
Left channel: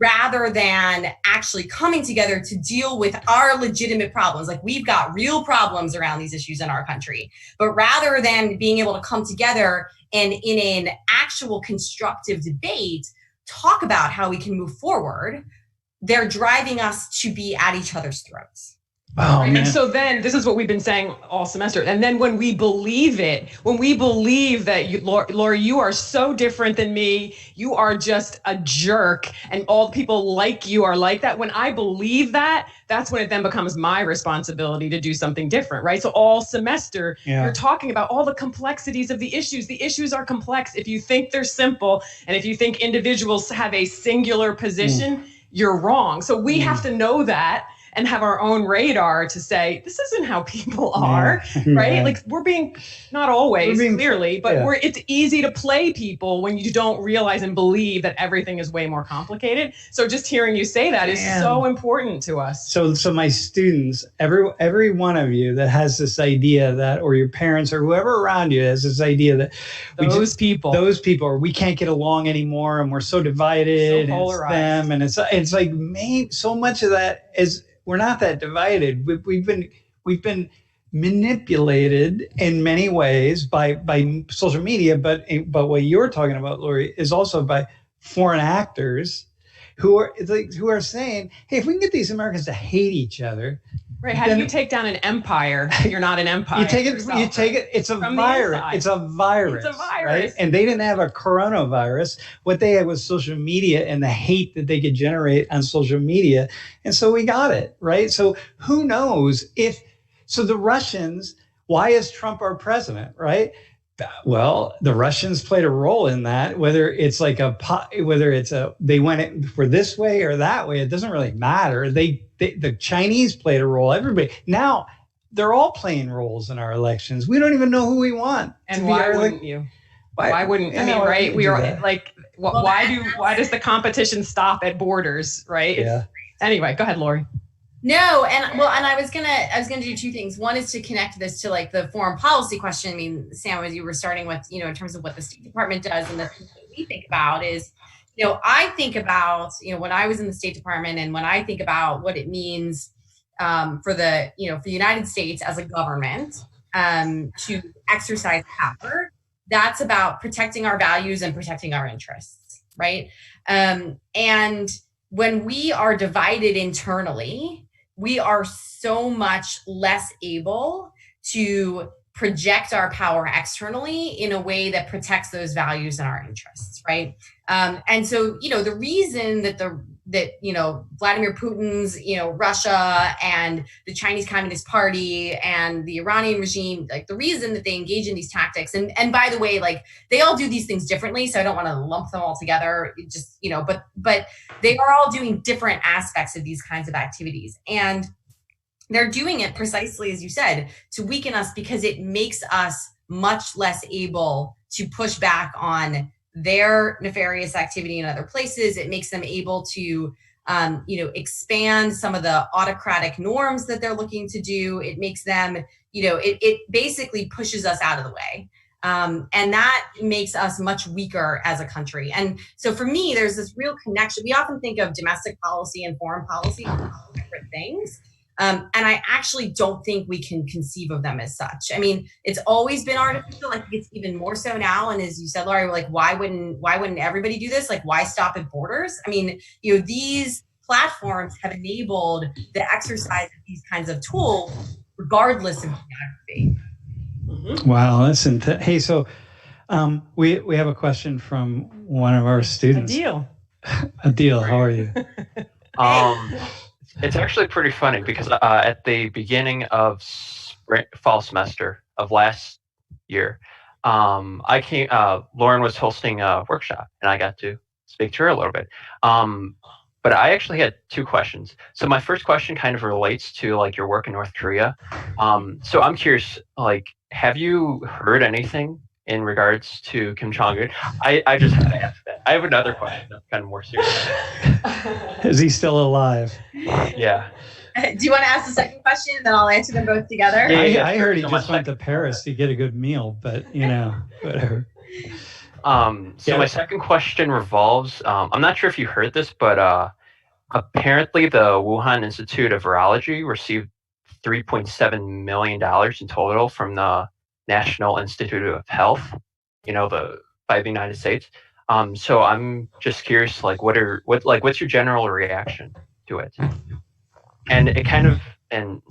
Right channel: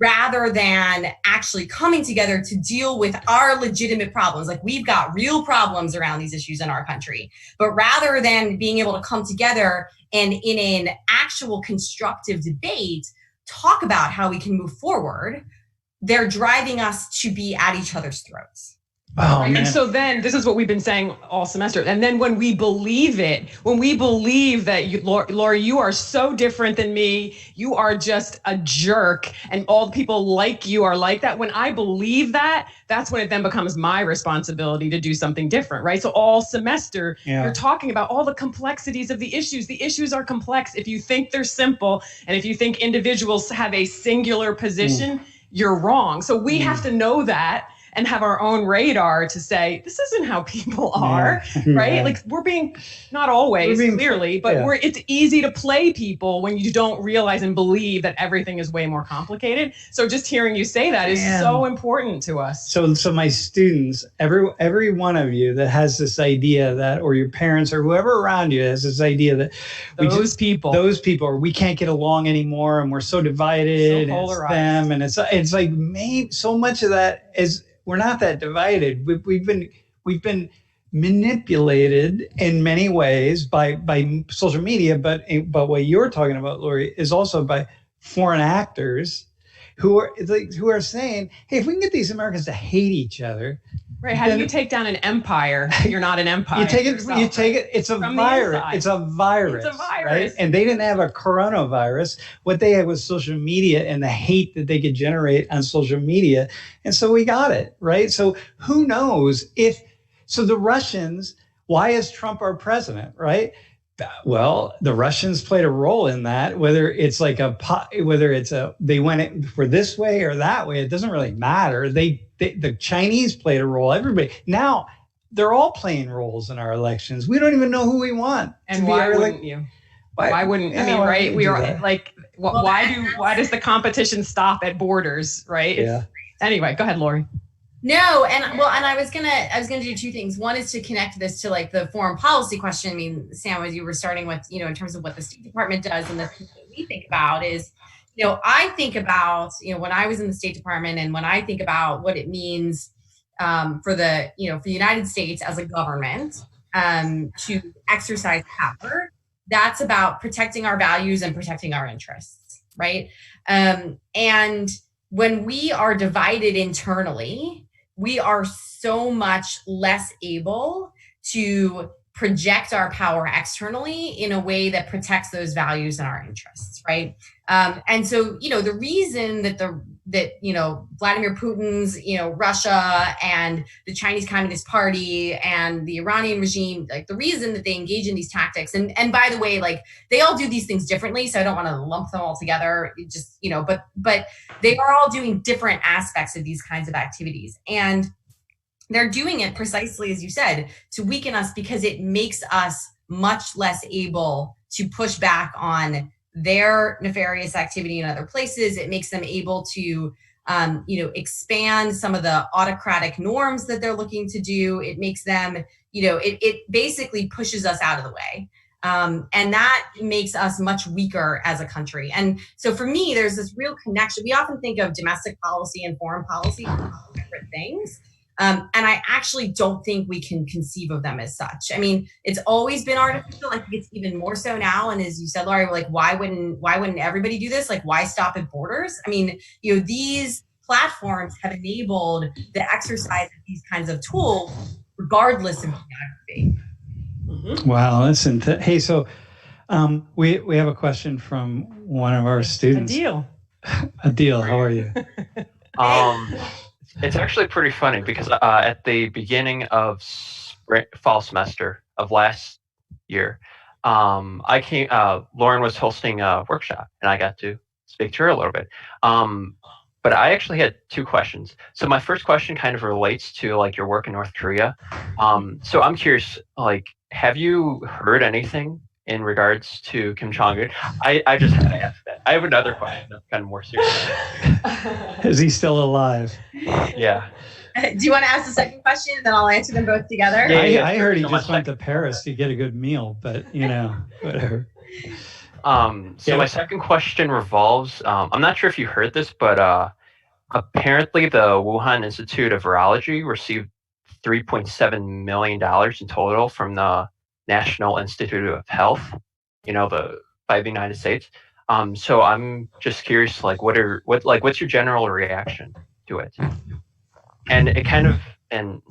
Rather than actually coming together to deal with our legitimate problems. Like, we've got real problems around these issues in our country, but rather than being able to come together and in an actual constructive debate, talk about how we can move forward, they're driving us to be at each other's throats. Oh, right? man. And so then this is what we've been saying all semester. And then when we believe it, when we believe that Laura, you are so different than me, you are just a jerk, and all the people like you are like that. When I believe that, that's when it then becomes my responsibility to do something different, right? So all semester, you're talking about all the complexities of the issues. The issues are complex. If you think they're simple, and if you think individuals have a singular position, you're wrong. So we have to know that and have our own radar to say, this isn't how people are, right? Like, we're being, not always, clearly, but it's easy to play people when you don't realize and believe that everything is way more complicated. So just hearing you say that is so important to us. So my students, every one of you that has this idea that, or your parents or whoever around you has this idea that those people, or we can't get along anymore and we're so divided, so polarized. And it's them, and it's like, so much of that is, we're not that divided. We've been manipulated in many ways by social media, but what you're talking about, Lori, is also by foreign actors who are saying, hey, if we can get these Americans to hate each other. Right. How do you take down an empire? You're not an empire. You take it. It's a virus. It's a virus. Right? And they didn't have a coronavirus. What they had was social media and the hate that they could generate on social media. And so we got it. Right. So who knows so the Russians, why is Trump our president? Right. Well, the Russians played a role in that, whether it's they went it for this way or that way, it doesn't really matter. The Chinese played a role. Everybody now, they're all playing roles in our elections. We don't even know who we want. And why wouldn't you? Why wouldn't I mean? Right? We are like, why does the competition stop at borders? Right? Anyway, go ahead, Lori. No, and I was gonna do two things. One is to connect this to like the foreign policy question. I mean, Sam, as you were starting with, in terms of what the State Department does and the things that we think about is, I think about, when I was in the State Department and when I think about what it means for the United States as a government to exercise power, that's about protecting our values and protecting our interests, right? And when we are divided internally, we are so much less able to project our power externally in a way that protects those values and our interests, right? And so, the reason that Vladimir Putin's, Russia and the Chinese Communist Party and the Iranian regime, like the reason that they engage in these tactics, and by the way, like they all do these things differently, so I don't want to lump them all together, just, but they are all doing different aspects of these kinds of activities. And they're doing it precisely, as you said, to weaken us because it makes us much less able to push back on their nefarious activity in other places. It makes them able to, expand some of the autocratic norms that they're looking to do. It makes them, it basically pushes us out of the way. And that makes us much weaker as a country. And so for me, there's this real connection. We often think of domestic policy and foreign policy as different things. And I actually don't think we can conceive of them as such. I mean, it's always been artificial. I think it's even more so now. And as you said, Laurie, like, why wouldn't everybody do this? Like, why stop at borders? I mean, these platforms have enabled the exercise of these kinds of tools, regardless of geography. Mm-hmm. Wow, listen. Hey, so we have a question from one of our students. Adil, how are you? It's actually pretty funny because at the beginning of fall semester of last year, Lauren was hosting a workshop and I got to speak to her a little bit. But I actually had two questions. So my first question kind of relates to like your work in North Korea. So I'm curious, like, have you heard anything in regards to Kim Jong-un? I just had to ask that. I have another question that's kind of more serious. Is he still alive? Yeah. Do you want to ask the second question, and then I'll answer them both together? Yeah, I heard he just went to Paris to get a good meal, but whatever. So my second question revolves, I'm not sure if you heard this, but apparently the Wuhan Institute of Virology received $3.7 million in total from the National Institute of Health, by the United States. So I'm just curious, like, what's your general reaction to it? And and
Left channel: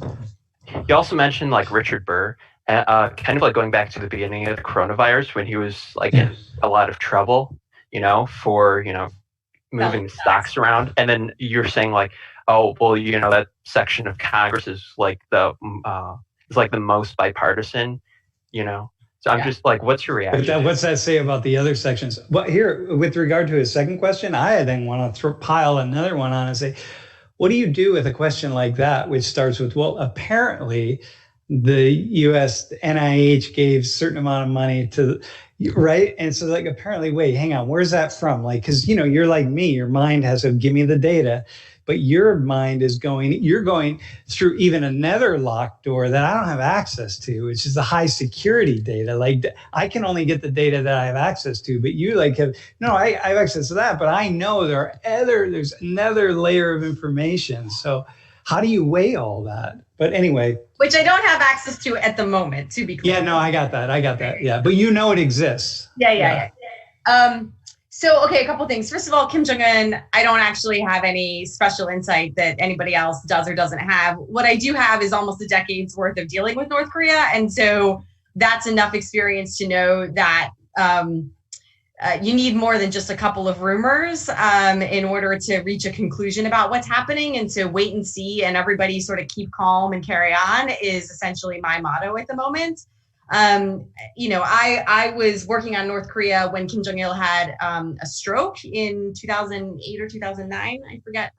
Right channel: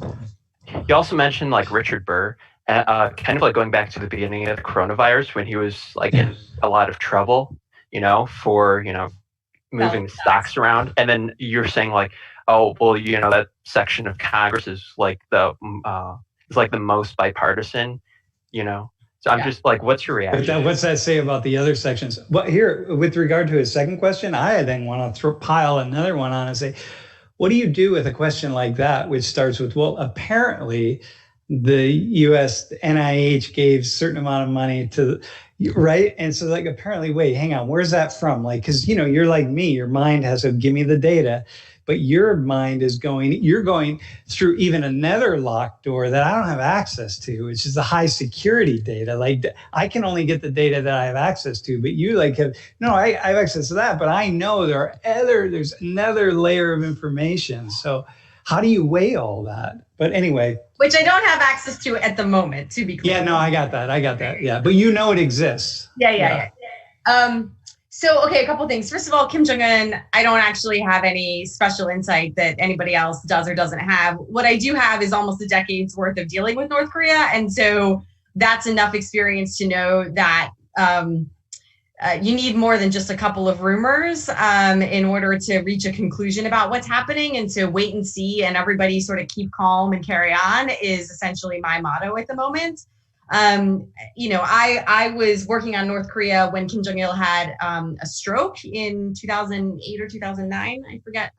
you also mentioned like Richard Burr, kind of like going back to the beginning of the coronavirus when he was like in a lot of trouble, for, moving stocks around. And then you're saying like, oh, well, that section of Congress is like the most bipartisan, So I'm just like, what's your reaction? What's that say about the other sections? Well, here, with regard to his second question, I then want to pile another one on and say, what do you do with a question like that, which starts with, well, apparently the U.S. NIH gave a certain amount of money to, right? And so like, apparently, wait, hang on, where's that from? Like, because, you're like me, your mind has to give me the data, but your mind is you're going through even another locked door that I don't have access to, which is the high security data. Like I can only get the data that I have access to, but you I have access to that, but I know there's another layer of information. So how do you weigh all that? But anyway. Which I don't have access to at the moment, to be clear. Yeah, no, I got that. Yeah, but it exists. Yeah. So, okay, a couple things. First of all, Kim Jong-un, I don't actually have any special insight that anybody else does or doesn't have. What I do have is almost a decade's worth of dealing with North Korea. And so that's enough experience to know that you need more than just a couple of rumors in order to reach a conclusion about what's happening. And so wait and see and everybody sort of keep calm and carry on is essentially my motto at the moment. I was working on North Korea when Kim Jong-il had a stroke in 2008 or 2009. I forget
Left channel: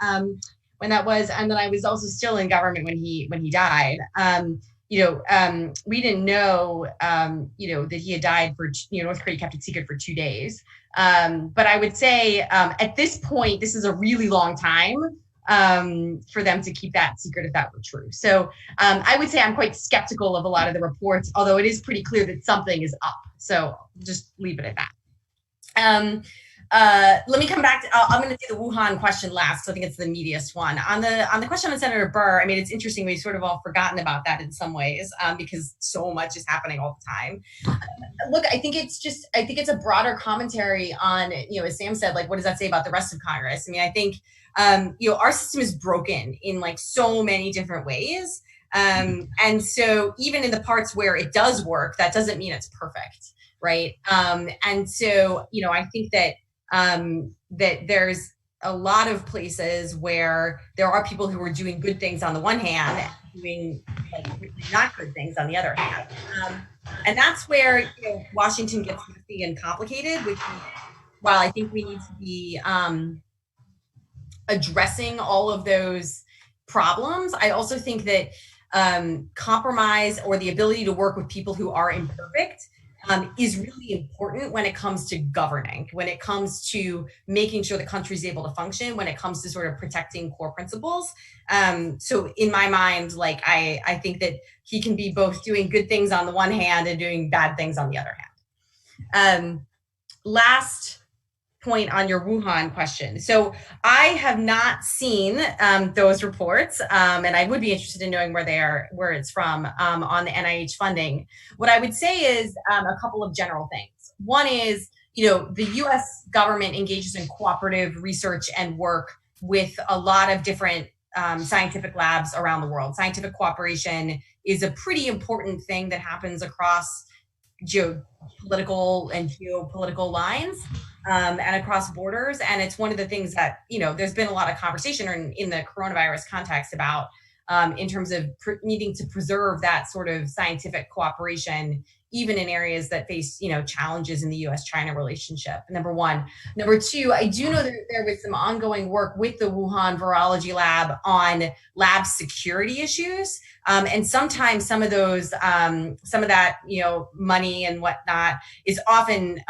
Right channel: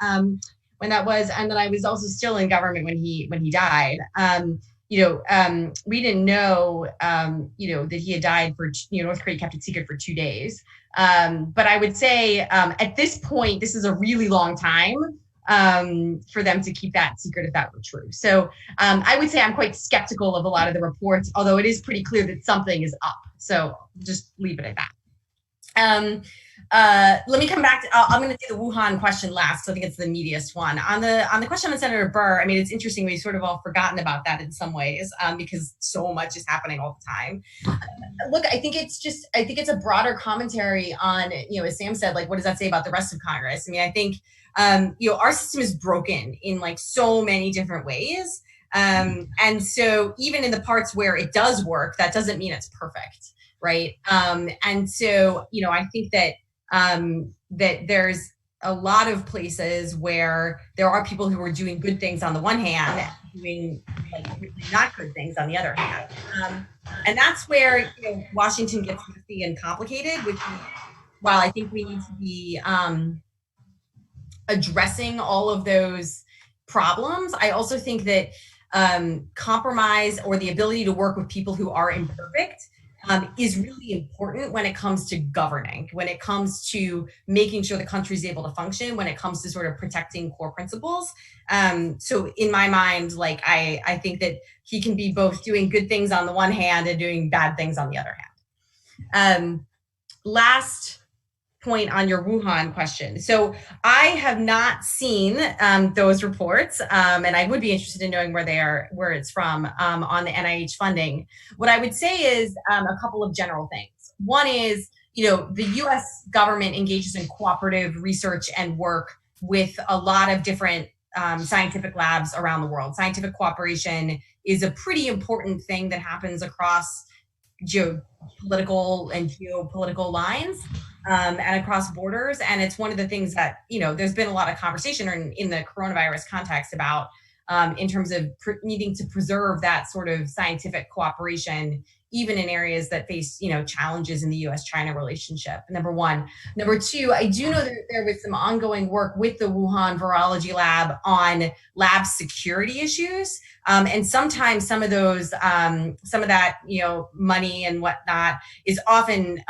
when that was. And then I was also still in government when he died. We didn't know, that he had died for, North Korea kept it secret for 2 days. But I would say at this point, this is a really long time for them to keep that secret if that were true. So I would say I'm quite skeptical of a lot of the reports, although it is pretty clear that something is up. So just leave it at that. Let me come back to, I'm going to do the Wuhan question last. So I think it's the meatiest one. On the question on Senator Burr, I mean, it's interesting. We've sort of all forgotten about that in some ways because so much is happening all the time. Look, I think it's a broader commentary on, as Sam said, like, what does that say about the rest of Congress? I mean, I think, our system is broken in like so many different ways. And so even in the parts where it does work, that doesn't mean it's perfect. Right. And so, I think that that there's a lot of places where there are people who are doing good things on the one hand, doing like really not good things on the other hand. And that's where Washington gets messy and complicated, which while I think we need to be addressing all of those problems, I also think that compromise or the ability to work with people who are imperfect is really important when it comes to governing, when it comes to making sure the country is able to function, when it comes to sort of protecting core principles. So in my mind, like I think that he can be both doing good things on the one hand and doing bad things on the other hand. Last point on your Wuhan question. So I have not seen those reports, and I would be interested in knowing where it's from on the NIH funding. What I would say is a couple of general things. One is, the U.S. government engages in cooperative research and work with a lot of different scientific labs around the world. Scientific cooperation is a pretty important thing that happens across geopolitical and geopolitical lines and across borders. And it's one of the things that, there's been a lot of conversation in the coronavirus context about in terms of needing to preserve that sort of scientific cooperation even in areas that face, challenges in the U.S.-China relationship, number one. Number two, I do know that there was some ongoing work with the Wuhan Virology Lab on lab security issues. And sometimes some of that, money and whatnot is often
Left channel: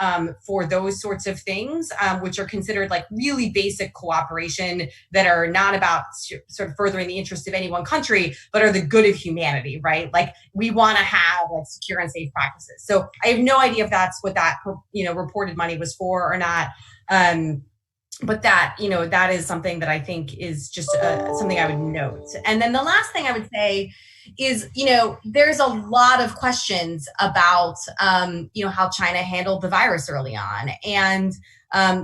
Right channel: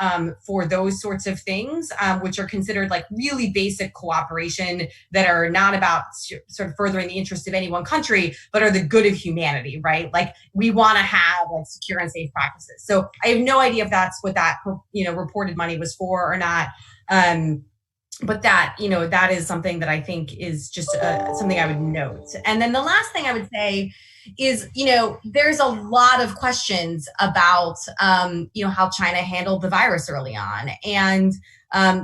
for those sorts of things, which are considered like really basic cooperation that are not about sort of furthering the interest of any one country, but are the good of humanity, right? Like we want to have like secure and safe practices. So I have no idea if that's what that, reported money was for or not. But that, that is something that I think is just something I would note. And then the last thing I would say is, there's a lot of questions about, how China handled the virus early on. And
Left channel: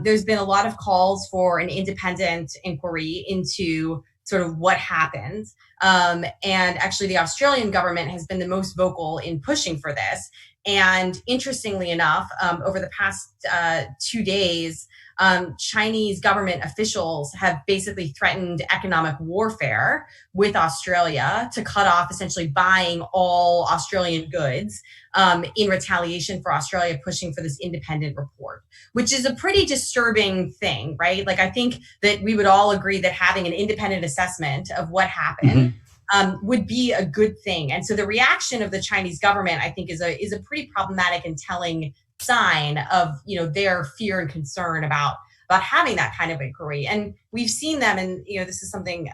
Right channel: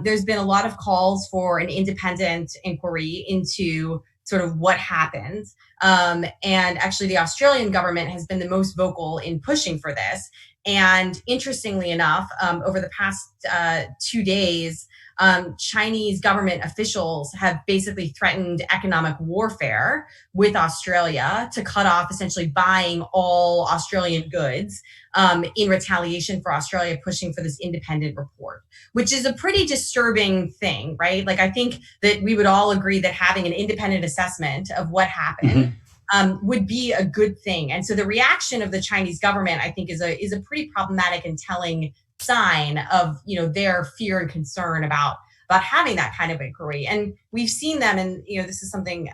there's been a lot of calls for an independent inquiry into sort of what happened. And actually the Australian government has been the most vocal in pushing for this. And interestingly enough, over the past 2 days, Chinese government officials have basically threatened economic warfare with Australia to cut off essentially buying all Australian goods in retaliation for Australia pushing for this independent report, which is a pretty disturbing thing, right? Like, I think that we would all agree that having an independent assessment of what happened would be a good thing. And so the reaction of the Chinese government, I think, is a pretty problematic and telling sign of, their fear and concern about having that kind of inquiry. And we've seen them, and, this is something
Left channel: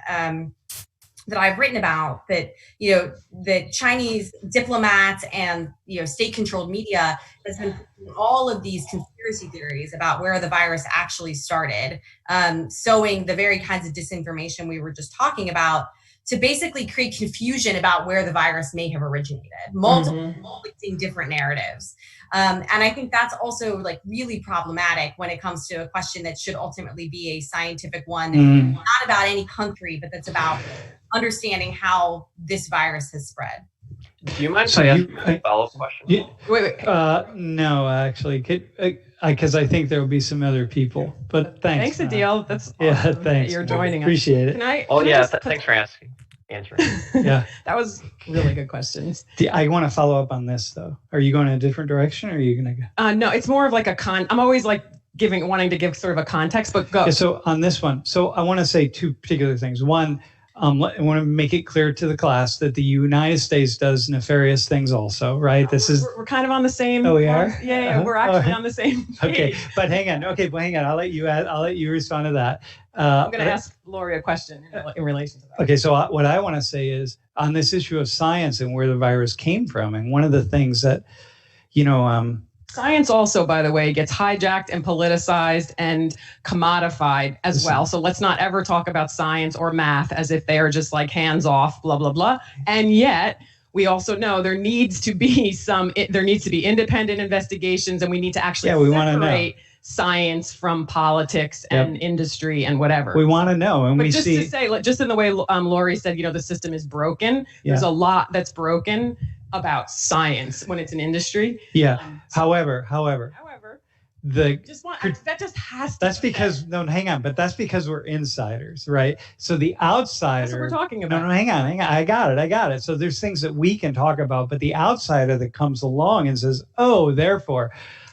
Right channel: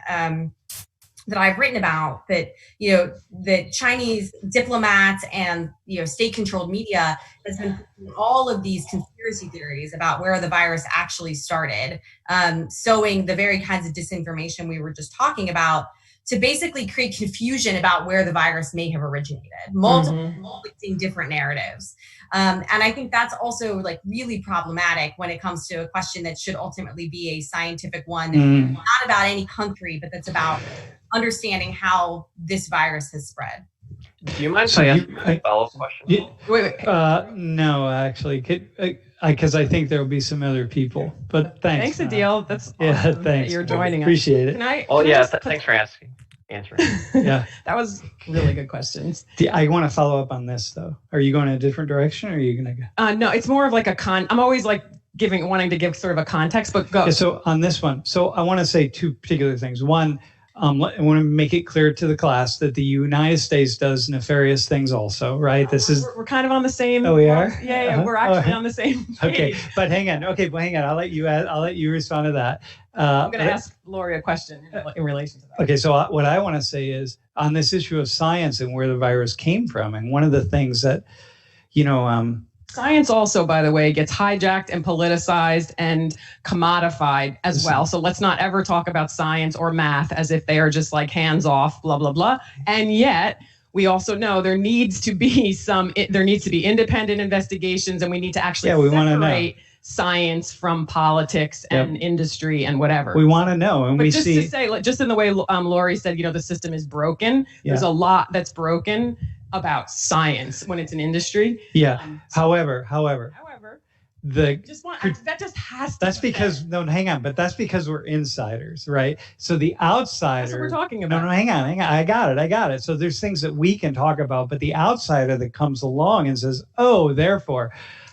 that I've written about, that, that Chinese diplomats and, state-controlled media has been all of these conspiracy theories about where the virus actually started, sowing the very kinds of disinformation we were just talking about, to basically create confusion about where the virus may have originated, multiple conflicting different narratives. And I think that's also like really problematic when it comes to a question that should ultimately be a scientific one, not about any country, but that's about understanding how this virus has spread. Do you mind if I ask a follow-up question? Wait. No, actually, because I think there will be some other people. But thanks. Thanks, Adil. That's awesome thanks. You're joining us. Appreciate it. Thanks for answering. Yeah, that was really good questions. I want to follow up on this though. Are you going in a different direction, or are you going to go? No, it's more of like I'm always like wanting to give sort of a context, but go. Yeah, so on this one, I want to say two particular things. One, I want to make it clear to the class that the United States does nefarious things also, right? We're kind of on the same. Oh, we are? Yeah, we're actually on the same page. Okay, but hang on. I'll let you respond to that. I'm going to ask Lori a question in relation to that. Okay, so what I want to say is on this issue of science and where the virus came from, and one of the things that, science also, by the way, gets hijacked and politicized and commodified as well. So let's not ever talk about science or math as if they are just like hands off, blah, blah, blah. And yet we also know there needs to be independent investigations, and we need to actually separate science from politics and industry and whatever. We want to know, and but just to say, just in the way Lori said, the system is broken. There's a lot that's broken about science when it's an industry. Yeah. However, that just has to. That's because hang on, but that's because we're insiders, right? So the outsider. That's what we're talking about. No, hang on. I got it. So there's things that we can talk about, but the outsider that comes along and says, "Oh, therefore,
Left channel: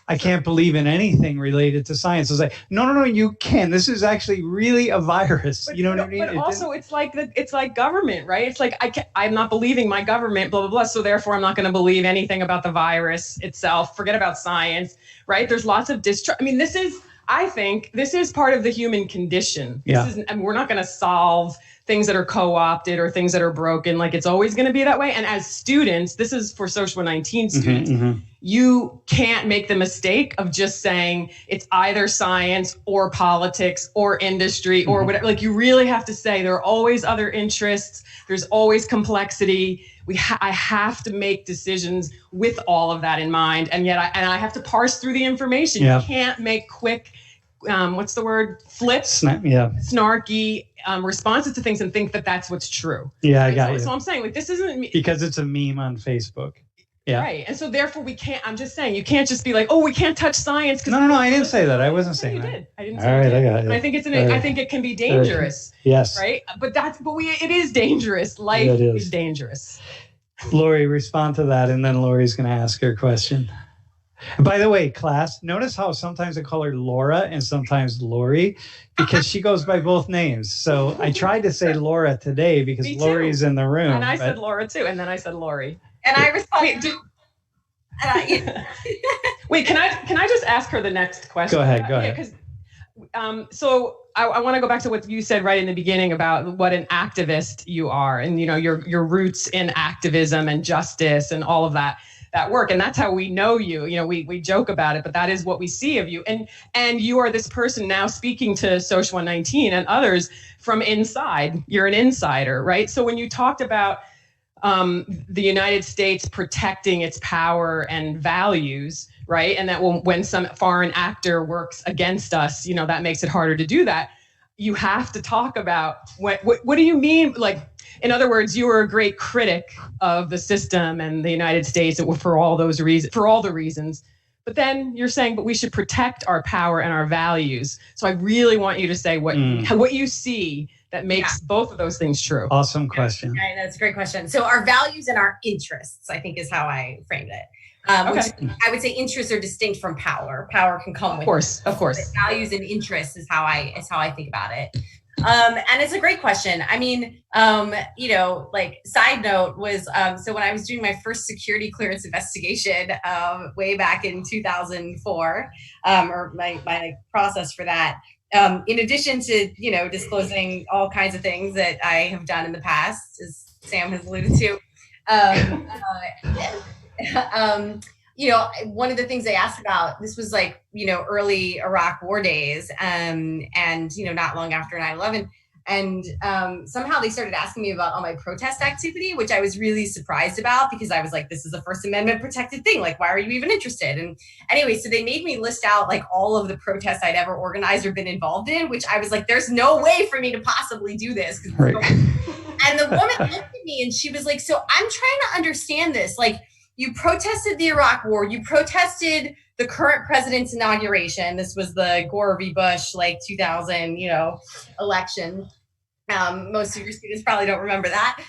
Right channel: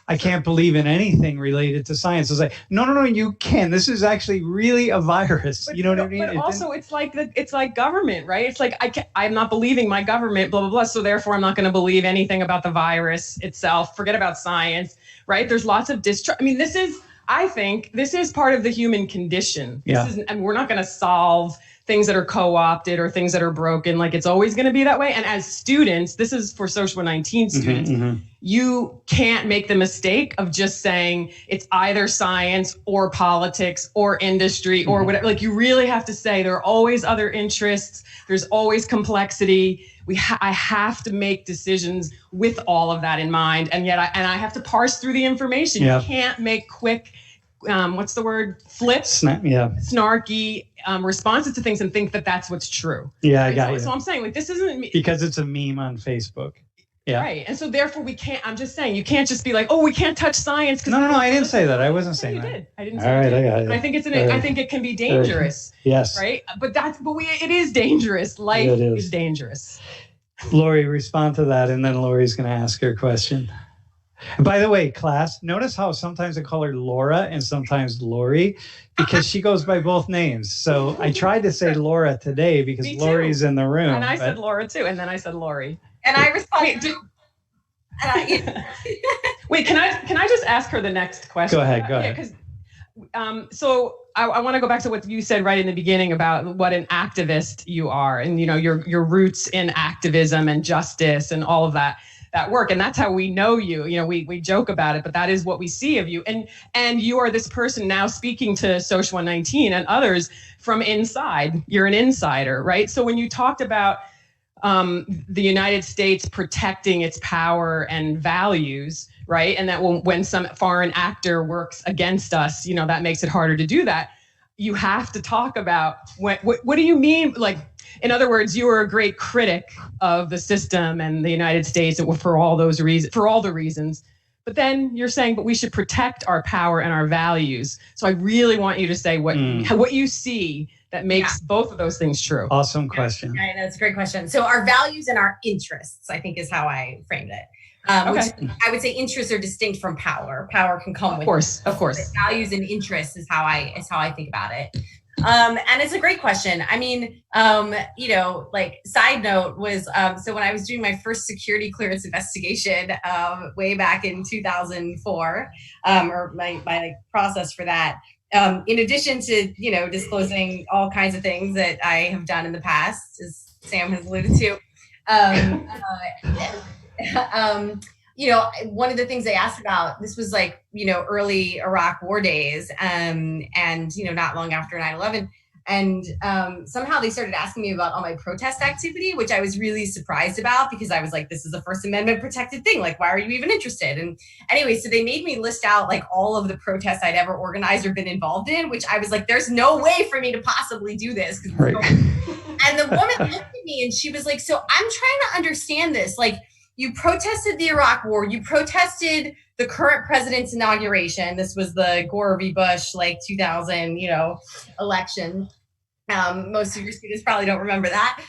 I can't believe in anything related to science." It's like, no, you can. This is actually really a virus. What I mean? But also, it's like government, right? It's like I'm not believing my government, blah blah blah. So therefore, I'm not going to believe anything about the virus itself. Forget about science, right? There's lots of distrust. I mean, I think this is part of the human condition. We're not going to solve things that are co-opted or things that are broken. Like, it's always going to be that way. And as students, this is for Social 19 students. You can't make the mistake of just saying it's either science or politics or industry or whatever. Like, you really have to say there are always other interests. There's always complexity. I have to make decisions with all of that in mind. And yet I have to parse through the information. You can't make quick, what's the word? Flips, snarky responses to things and think that that's what's true. Yeah, I got it. So I'm saying, like, this isn't because it's a meme on Facebook. Yeah. Right. And so therefore I'm just saying, you can't just be like, oh, we can't touch science. No, I didn't say that. I wasn't saying that. You did. I didn't say that. All right, I got it. And I think I think it can be dangerous. Yes. Right. But it is dangerous. Life is dangerous. Lori, respond to that, and then Lori's going to ask her question. And by the way, class, notice how sometimes I call her Laura and sometimes Lori, because she goes by both names. So I tried to say Laura today because Lori's in the room. And I said Laura too, and then I said Lori. And I responded. Wait, can I just ask her the next question? Go ahead. Because so I want to go back to what you said right in the beginning about what an activist you are, and your roots in activism and justice and all of that work. And that's how we know you. We joke about it, but that is what we see of you. And you are this person now speaking to Social 119 and others from inside. You're an insider, right? So when you talked about the United States protecting its power and values, right? And that when some foreign actor works against us, that makes it harder to do that. You have to talk about what do you mean? Like, in other words, you were a great critic of the system and the United States for all the reasons. But then you're saying, but we should protect our power and our values. So I really want you to say what you see that makes both of those things true. Awesome question. Yeah, that's a great question. So our values and our interests, I think, is how I framed it. Which I would say interests are distinct from power. Power can come with, of course. Values and interests is how I think about it. And it's a great question. I mean, side note was, so when I was doing my first security clearance investigation, way back in 2004, or my process for that, in addition to, disclosing all kinds of things that I have done in the past, as Sam has alluded to, one of the things they asked about, this was early Iraq war days, and not long after 9/11. And somehow they started asking me about all my protest activity, which I was really surprised about, because I was like, this is a First Amendment protected thing. Like, why are you even interested? And anyway, so they made me list out all of the protests I'd ever organized or been involved in, which I was like, there's no way for me to possibly do this. Right. And the woman looked at me and she was like, so I'm trying to understand this. You protested the Iraq war. You protested the current president's inauguration. This was the Gore v. Bush, 2000, election. Most of your students probably don't remember that.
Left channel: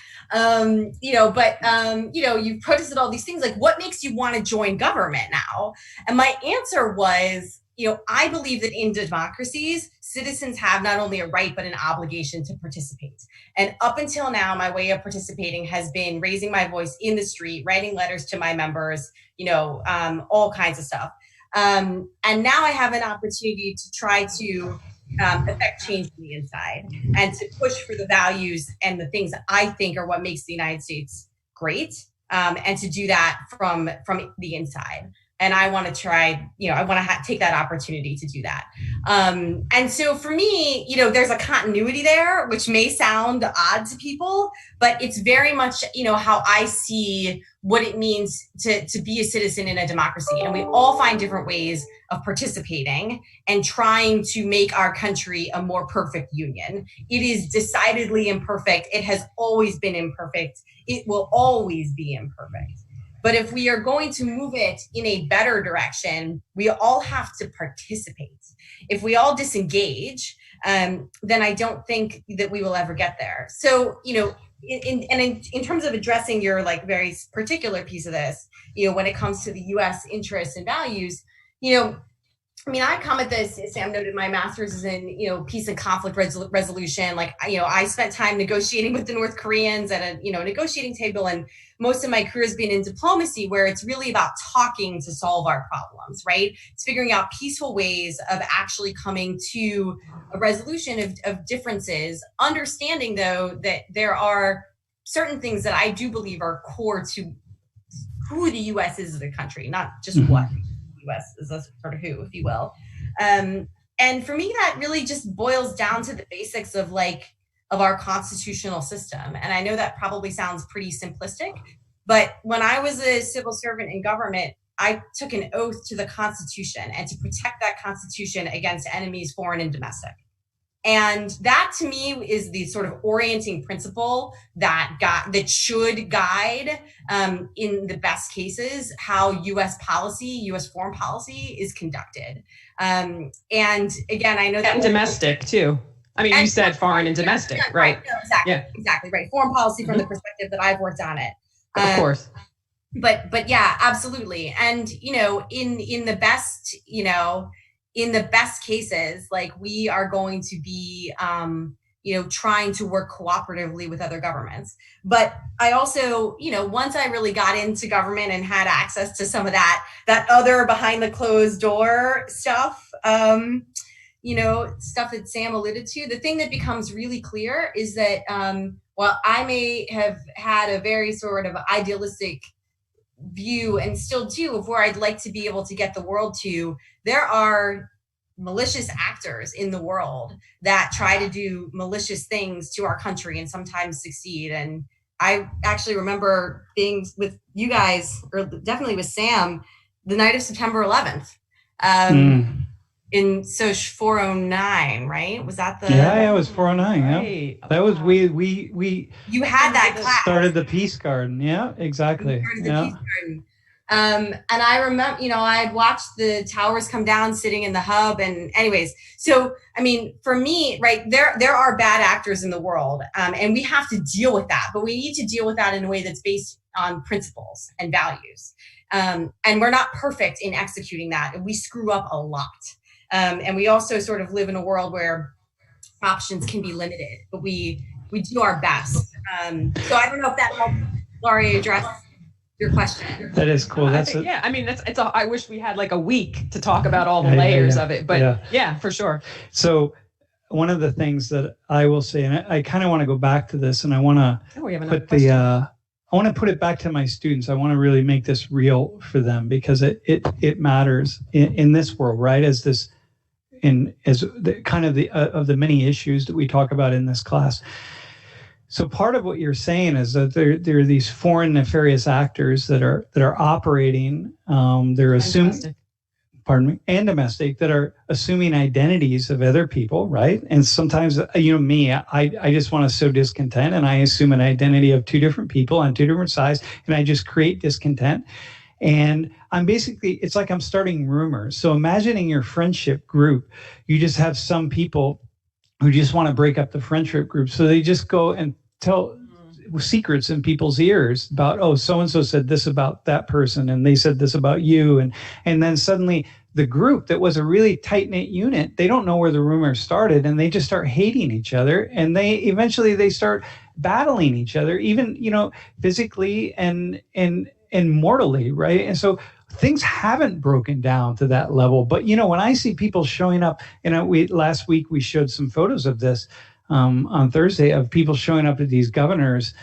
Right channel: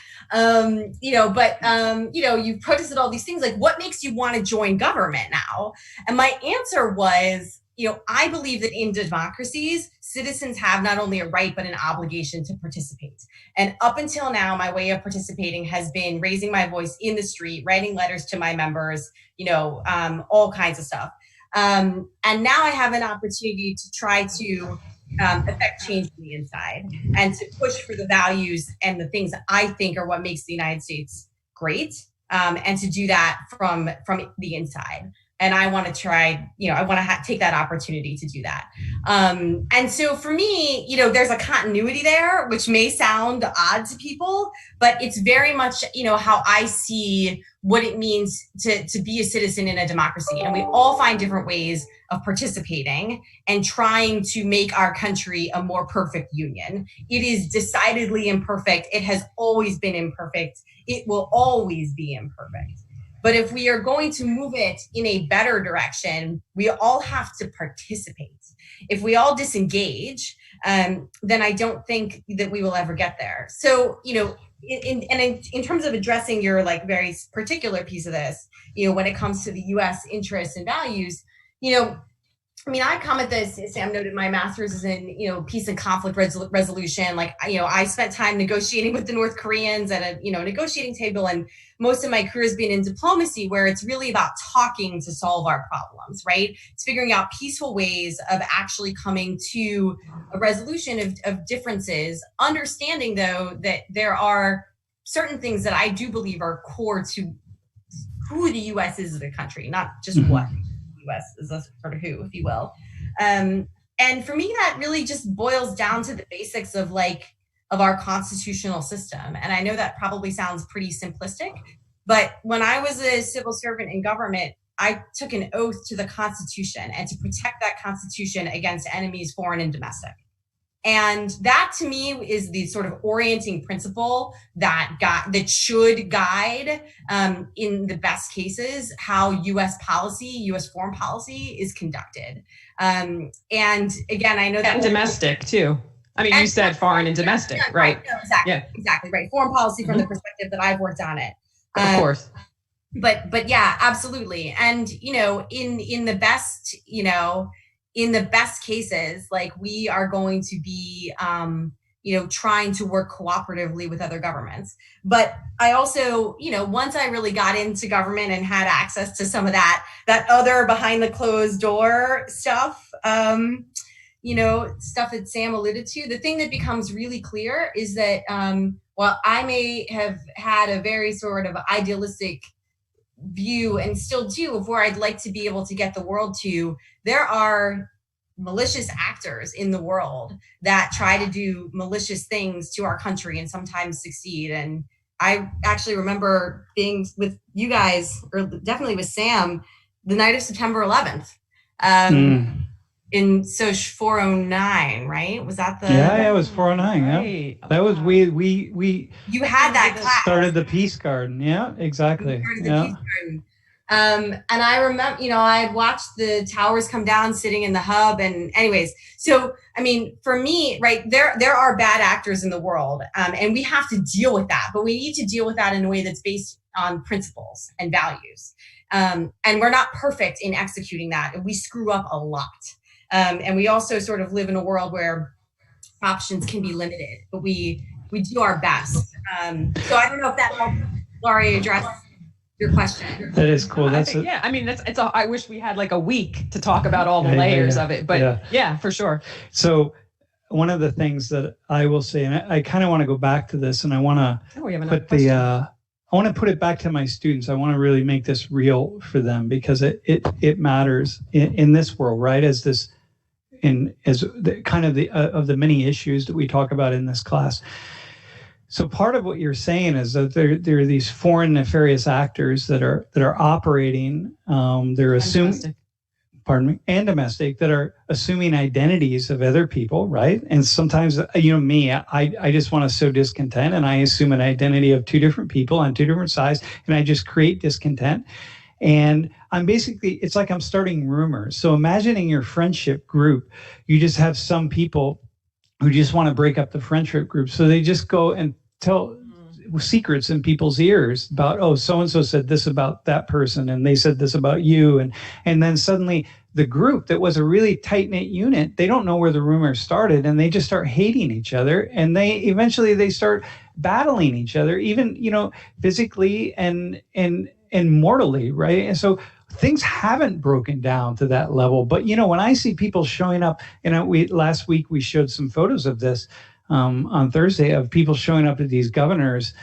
You protested all these things. What makes you want to join government now? And my answer was, I believe that in democracies, citizens have not only a right, but an obligation to participate. And up until now, my way of participating has been raising my voice in the street, writing letters to my members, all kinds of stuff. And now I have an opportunity to try to affect change from the inside and to push for the values and the things that I think are what makes the United States great, and to do that from the inside. And I want to try, I want to take that opportunity to do that. And so for me, there's a continuity there, which may sound odd to people, but it's very much, how I see what it means to be a citizen in a democracy. And we all find different ways of participating and trying to make our country a more perfect union. It is decidedly imperfect. It has always been imperfect. It will always be imperfect. But if we are going to move it in a better direction, we all have to participate. If we all disengage, then I don't think that we will ever get there. So, in terms of addressing your very particular piece of this, when it comes to the U.S. interests and values, I come at this, as Sam noted, my master's is in, peace and conflict resolution. I spent time negotiating with the North Koreans at a, negotiating table, and most of my career has been in diplomacy, where it's really about talking to solve our problems, right? It's figuring out peaceful ways of actually coming to a resolution of differences, understanding, though, that there are certain things that I do believe are core to who the U.S. is as a country, not just what the U.S. is, a sort of who, if you will. And for me, that really just boils down to the basics of our constitutional system. And I know that probably sounds pretty simplistic, but when I was a civil servant in government, I took an oath to the Constitution and to protect that Constitution against enemies, foreign and domestic. And that, to me, is the sort of orienting principle that should guide, in the best cases, how U.S. policy, U.S. foreign policy is conducted. And again, I know that— And domestic, too. You said foreign and domestic, right? No, exactly, exactly, right. Foreign policy from the perspective that I've worked on it. Of course. But yeah, absolutely. And, in the best, in the best cases, like we are going to be, trying to work cooperatively with other governments. But I also, once I really got into government and had access to some of that other behind the closed door stuff, stuff that Sam alluded to, the thing that becomes really clear is that while I may have had a very sort of idealistic view and still do of where I'd like to be able to get the world to, there are malicious actors in the world that try to do malicious things to our country and sometimes succeed. And I actually remember being with you guys, or definitely with Sam, the night of September 11th. In Soch 409, right? Was that the? Yeah, it was 409. Right. Yeah, that was we. You had that class. Started the Peace Garden. Yeah, exactly. Peace Garden. And I remember, I had watched the towers come down, sitting in the hub. And anyways, so I mean, for me, right, there are bad actors in the world, and we have to deal with that. But we need to deal with that in a way that's based on principles and values. And we're not perfect in executing that, and we screw up a lot. And we also sort of live in a world where options can be limited, but we do our best. So I don't know if that helps Laurie address your question. That is cool. I wish we had like a week to talk about all the layers of it, but yeah, for sure. So one of the things that I will say, and I kind of want to go back to this, and I want to I want to put it back to my students. I want to really make this real for them, because it matters in this world, right? As the kind of of the many issues that we talk about in this class. So part of what you're saying is that there are these foreign nefarious actors that are operating. They're assuming, and domestic, that are assuming identities of other people, right? And sometimes, me, I just want to sow discontent, and I assume an identity of two different people on two different sides, and I just create discontent. And I'm basically, it's like I'm starting rumors. So imagining your friendship group, you just have some people who just want to break up the friendship group. So they just go and tell secrets in people's ears about, oh, so-and-so said this about that person, and they said this about you. And then suddenly the group that was a really tight-knit unit, they don't know where the rumor started, and they just start hating each other. And they eventually start battling each other, even, physically and mortally, right? And so things haven't broken down to that level. But, when I see people showing up, last week we showed some photos of this on Thursday, of people showing up at these governors,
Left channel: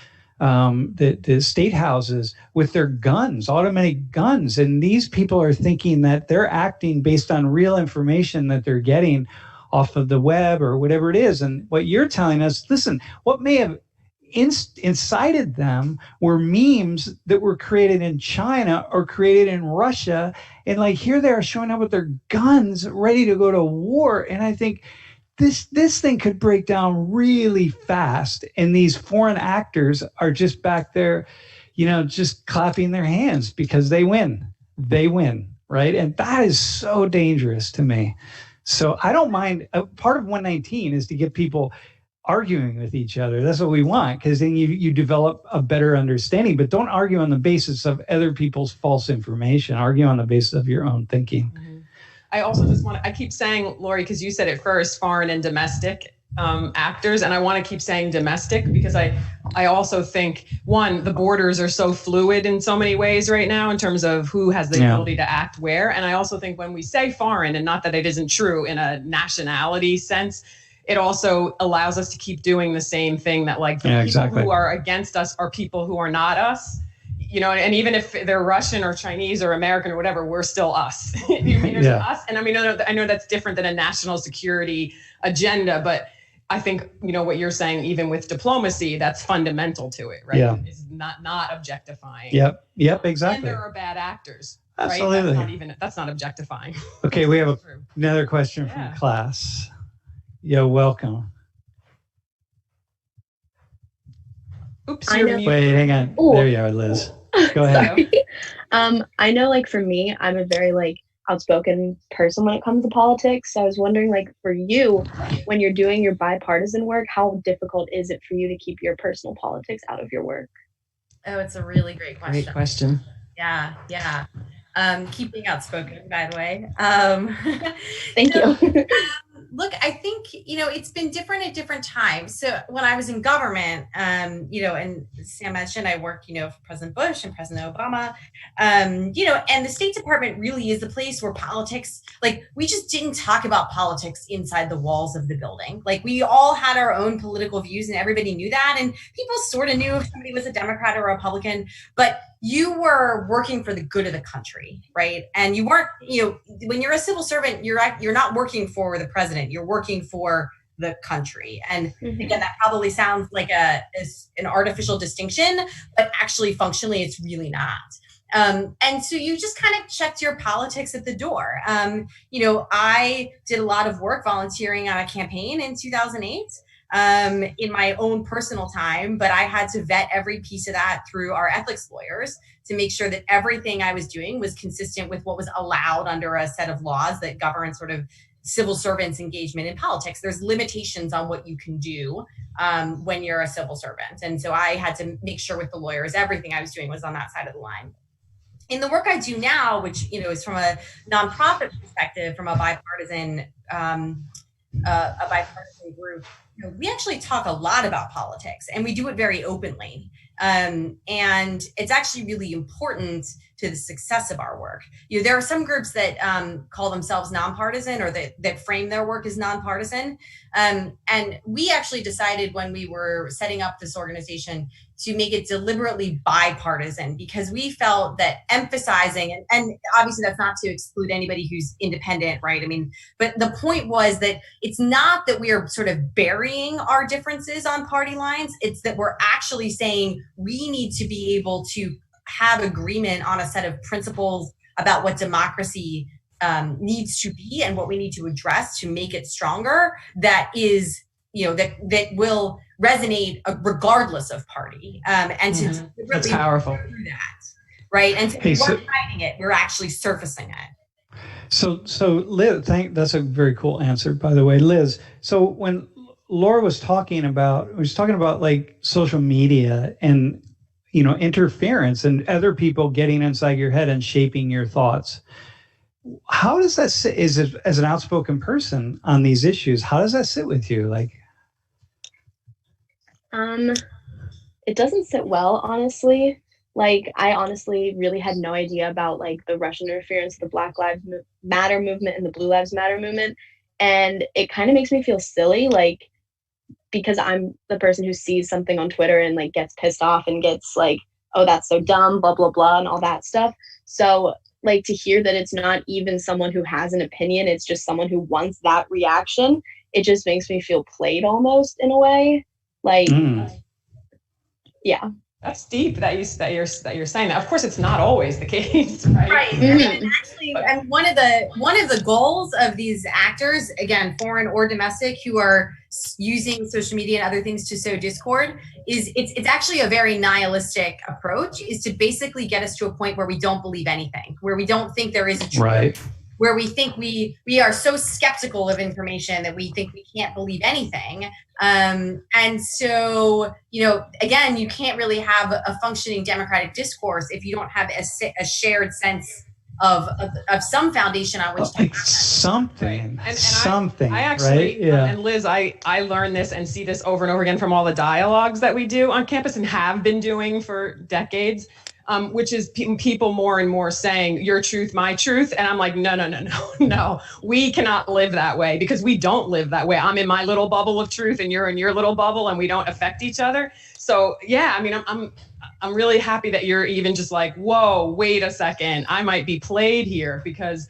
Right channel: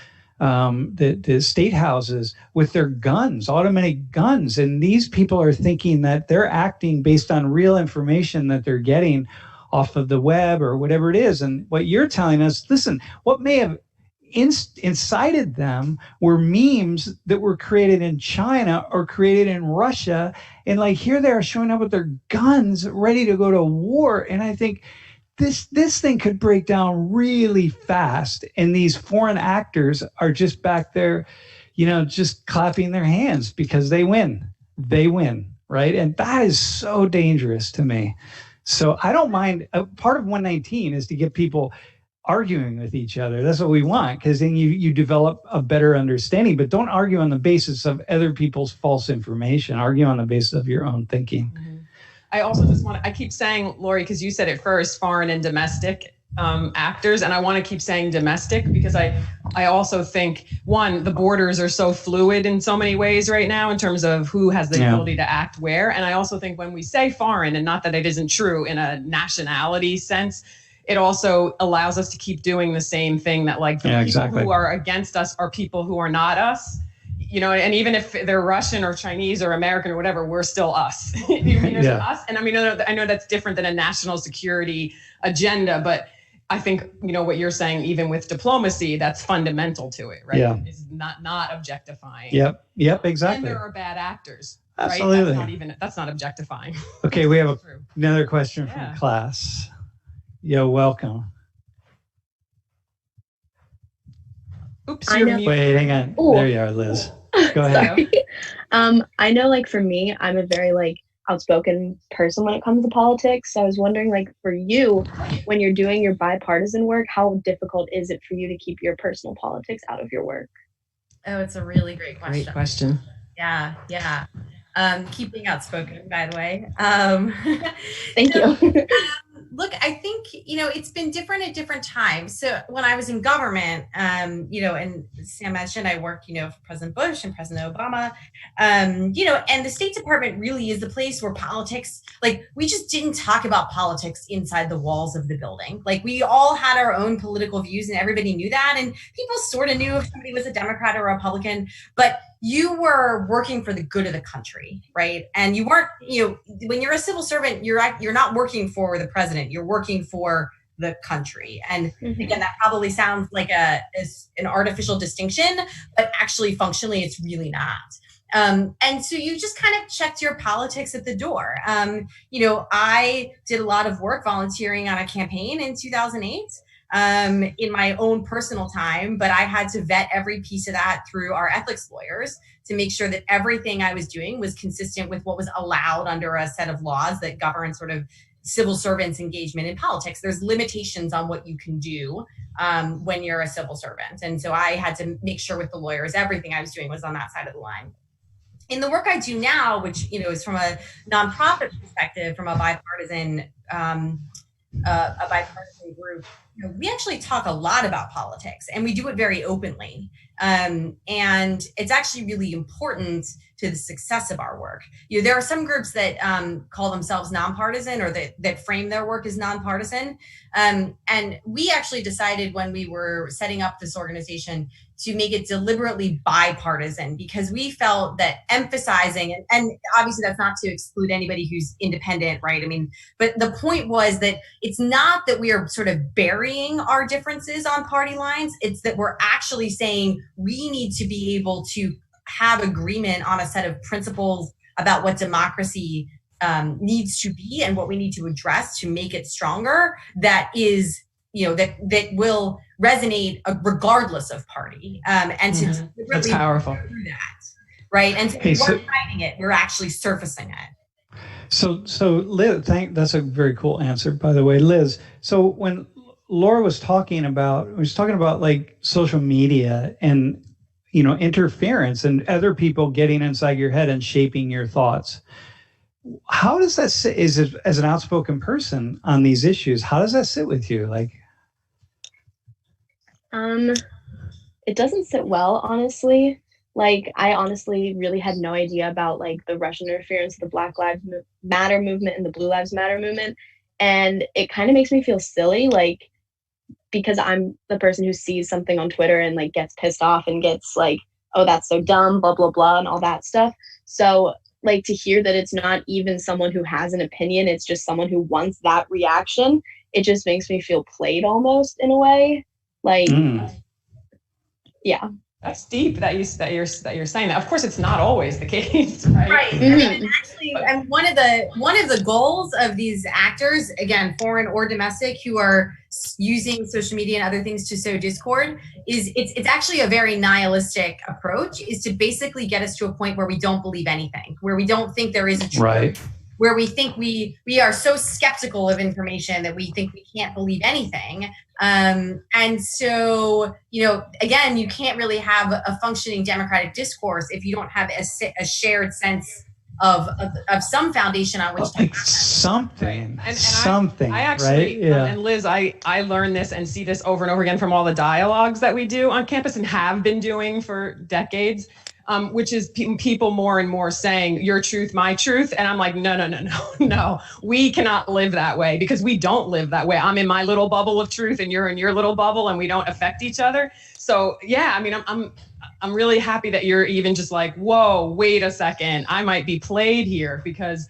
the state houses with their guns, automatic guns. And these people are thinking that they're acting based on real information that they're getting off of the web or whatever it is. And what you're telling us, listen, what may have incited them were memes that were created in China or created in Russia. And like, here they are showing up with their guns ready to go to war. And I think this thing could break down really fast. And these foreign actors are just back there, just clapping their hands because they win, right? And that is so dangerous to me. So I don't mind. Part of 119 is to get people arguing with each other. That's what we want, because then you develop a better understanding. But don't argue on the basis of other people's false information. Argue on the basis of your own thinking. Mm-hmm. I also just I keep saying, Laurie, because you said it first, foreign and domestic actors. And I want to keep saying domestic, because I also think, one, the borders are so fluid in so many ways right now in terms of who has the ability to act where. And I also think when we say foreign, and not that it isn't true in a nationality sense, it also allows us to keep doing the same thing, that like the people who are against us are people who are not us. And even if they're Russian or Chinese or American or whatever, we're still us. There's us. And I know that's different than a national security agenda, but I think, what you're saying, even with diplomacy, that's fundamental to it, right? Yeah. It's not objectifying. Yep, exactly. And there are bad actors. Absolutely. Right? That's not objectifying. Okay, we have another question from class. Yo, welcome. Oops, wait, hang on. Ooh. There you are, Liz. Go ahead. I know, for me, I'm a very outspoken person when it comes to politics. So I was wondering, for you, when you're doing your bipartisan work, how difficult is it for you to keep your personal politics out of your work? Oh, it's a really great question. Great question. Yeah. Keep being outspoken, by the way. Thank you. Look, I think, it's been different at different times. So when I was in government, and Sam mentioned I worked, for President Bush and President Obama, and the State Department really is the place where politics, like, we just didn't talk about politics inside the walls of the building. Like, we all had our own political views and everybody knew that. And people sort of knew if somebody was a Democrat or a Republican, but you were working for the good of the country, right? And you weren't, when you're a civil servant, you're not working for the president, you're working for the country. And again, that probably sounds like an artificial distinction, but actually functionally, it's really not. And so you just kind of checked your politics at the door. I did a lot of work volunteering on a campaign in 2008. In my own personal time, but I had to vet every piece of that through our ethics lawyers to make sure that everything I was doing was consistent with what was allowed under a set of laws that govern sort of civil servants' engagement in politics. There's limitations on what you can do when you're a civil servant. And so I had to make sure with the lawyers, everything I was doing was on that side of the line. In the work I do now, which, is from a nonprofit perspective, from a bipartisan group, we actually talk a lot about politics, and we do it very openly. And it's actually really important to the success of our work. There are some groups that call themselves nonpartisan, or that frame their work as nonpartisan. And we actually decided when we were setting up this organization to make it deliberately bipartisan, because we felt that emphasizing, and obviously that's not to exclude anybody who's independent, right? I mean, but the point was that it's not that we are sort of burying our differences on party lines. It's that we're actually saying we need to be able to have agreement on a set of principles about what democracy needs to be and what we need to address to make it stronger. That is, that will resonate regardless of party, and to that's powerful. Do that, right? And we're hiding it; we're actually surfacing it. So Liz, that's a very cool answer, by the way, Liz. So when Laura was talking about like social media and interference and other people getting inside your head and shaping your thoughts, how does that sit? As an outspoken person on these issues, how does that sit with you? Like, it doesn't sit well, honestly. Like, I honestly really had no idea about like the Russian interference, the Black Lives Matter movement and the Blue Lives Matter movement. And it kind of makes me feel silly, like, because I'm the person who sees something on Twitter and like gets pissed off and gets like, oh, that's so dumb, blah, blah, blah, and all that stuff. So like, to hear that it's not even someone who has an opinion, it's just someone who wants that reaction, it just makes me feel played almost in a way. Like, yeah. That's deep that you're saying that. Of course, it's not always the case, right? Right. And actually, and one of the goals of these actors, again, foreign or domestic, who are using social media and other things to sow discord, is it's actually a very nihilistic approach, is to basically get us to a point where we don't believe anything, where we don't think there is a truth. Right. Where we think we are so skeptical of information that we think we can't believe anything. And so, again, you can't really have a functioning democratic discourse if you don't have a shared sense of some foundation on which to like something. I actually, right? Yeah. And Liz, I learn this and see this over and over again from all the dialogues that we do on campus and have been doing for decades. Which is people more and more saying your truth, my truth. And I'm like, no, we cannot live that way, because we don't live that way. I'm in my little bubble of truth and you're in your little bubble, and we don't affect each other. So yeah, I mean, I'm really happy that you're even just like, whoa, wait a second, I might be played here, because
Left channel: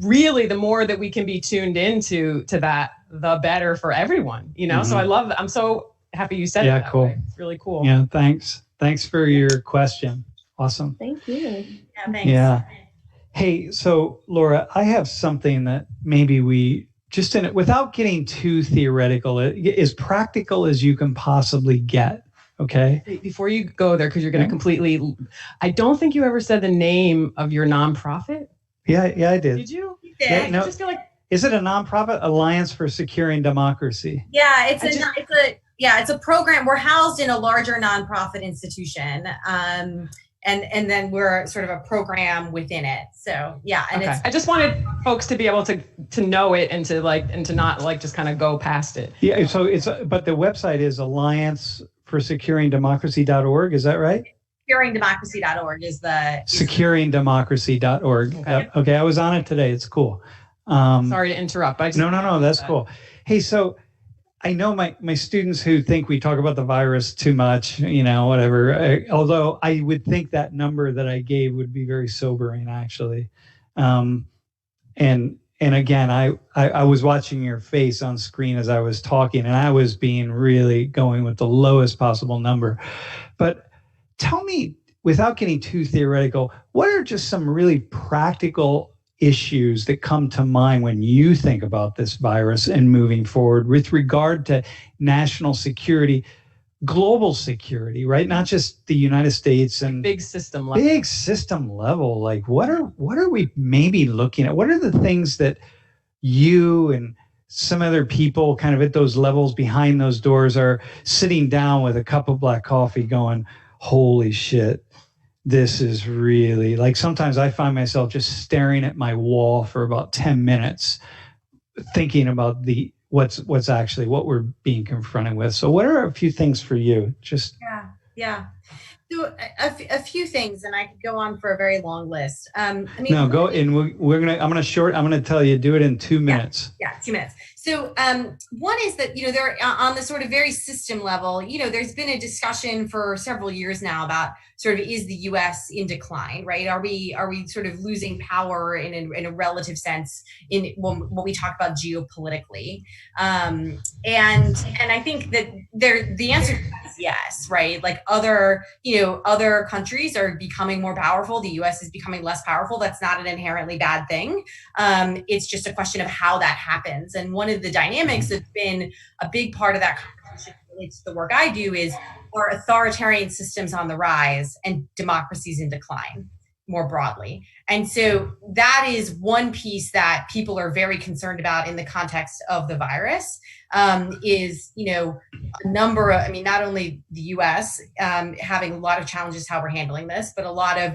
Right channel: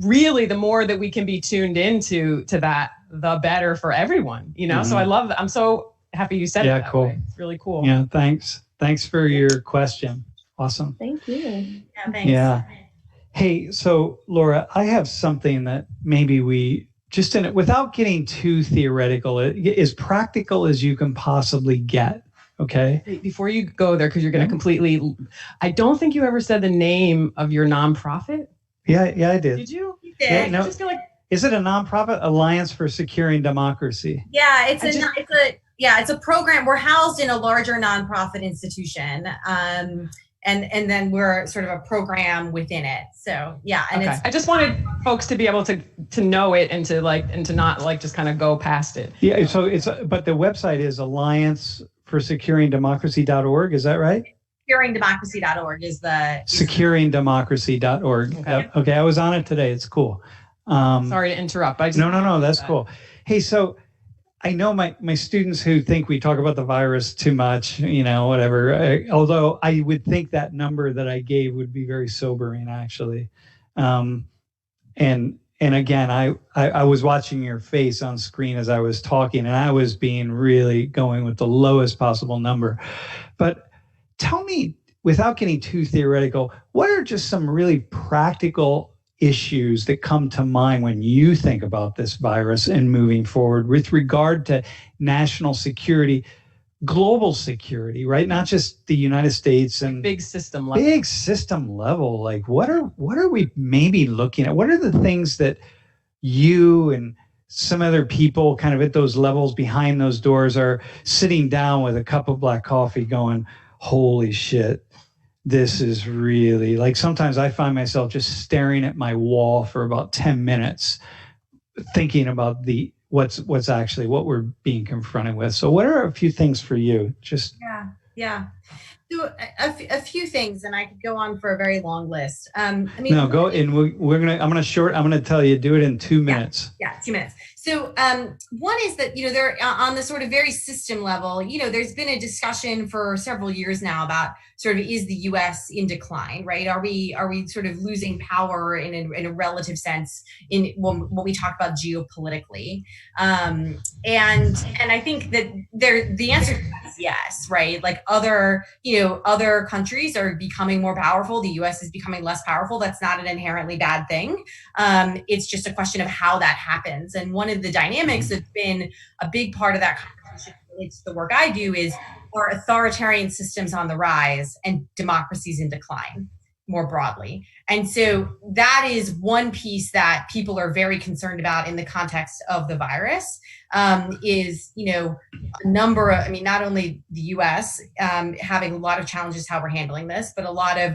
really the more that we can be tuned into that, the better for everyone, So I love that. I'm so happy you said it that cool. way. It's really cool. Yeah, thanks for your question. Awesome. Thank you. Yeah, thanks. Yeah. Hey, so Laura, I have something that maybe we just without getting too theoretical, as practical as you can possibly get. Okay. Before you go there, because you're going to completely, I don't think you ever said the name of your nonprofit. Yeah, I did. Did you? You did. Yeah, I just feel like. Is it a nonprofit? Alliance for Securing Democracy. Yeah, it's a program. We're housed in a larger nonprofit institution. And then we're sort of a program within it. So yeah. And okay. I just wanted folks to be able to know it and to not like just kind of go past it. Yeah. So but the website is allianceforsecuringdemocracy.org. Is that right? Securingdemocracy.org is the securingdemocracy.org. Okay. Yep. Okay. I was on it today. It's cool. Sorry to interrupt. No. That's cool. Hey, so I know my students who think we talk about the virus too much, whatever. Although I would think that number that I gave would be very sobering, actually. And again, I was watching your face on screen as I was talking, and I was being really going with the lowest possible number. But tell me, without getting too theoretical, what are just some really practical issues that come to mind when you think about this virus and moving forward with regard to national security, global security, right? Not just the United States and big system level. Like what are we maybe looking at? What are the things that you and some other people kind of at those levels behind those doors are sitting down with a cup of black coffee going, holy shit, this is really, like, sometimes I find myself just staring at my wall for about 10 minutes thinking about what's actually what we're being confronted with. So what are a few things for you? Just So a few things, and I could go on for a very long list. Go, and I'm gonna tell you, do it in 2 minutes. Yeah, 2 minutes. So one is that, there on the sort of very system level, there's been a discussion for several years now about sort of, is the U.S. in decline, right? Are we sort of losing power in a relative sense when we talk about geopolitically? And I think that the answer is yes, right? Like other countries are becoming more powerful. The U.S. is becoming less powerful. That's not an inherently bad thing. It's just a question of how that happens. And one of the dynamics that's been a big part of that conversation relates to the work I do is, are authoritarian systems on the rise and democracies in decline more broadly. And so that is one piece that people are very concerned about in the context of the virus, is, a number of, not only the US having a lot of challenges how we're handling this, but a lot of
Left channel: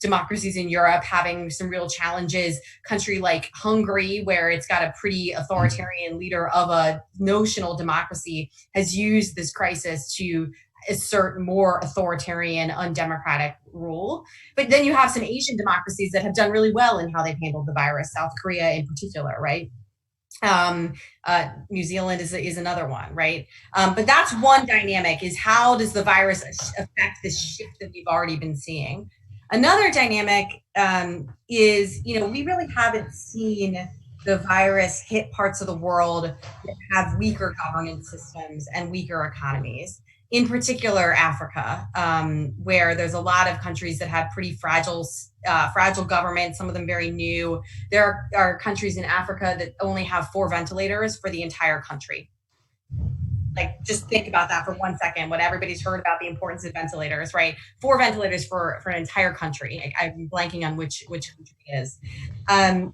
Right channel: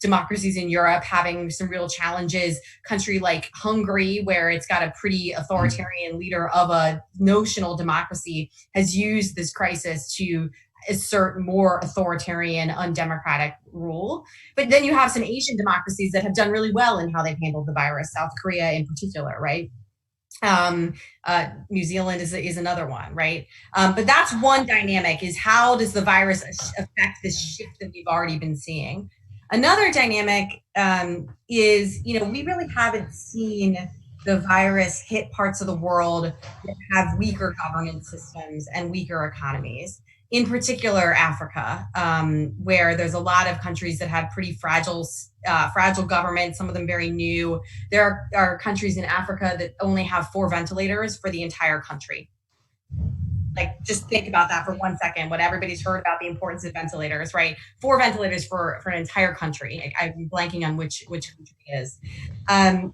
democracies in Europe having some real challenges. Country like Hungary, where it's got a pretty authoritarian leader of a notional democracy, has used this crisis to assert more authoritarian, undemocratic rule. But then you have some Asian democracies that have done really well in how they've handled the virus, South Korea in particular, right? New Zealand is another one, right? But that's one dynamic, is how does the virus affect this shift that we've already been seeing? Another dynamic is, we really haven't seen the virus hit parts of the world that have weaker governance systems and weaker economies. In particular, Africa, where there's a lot of countries that have pretty fragile governments, some of them very new. There are countries in Africa that only have 4 ventilators for the entire country. Like, just think about that for 1 second, what everybody's heard about the importance of ventilators, right? 4 ventilators for an entire country. I'm blanking on which country it is. And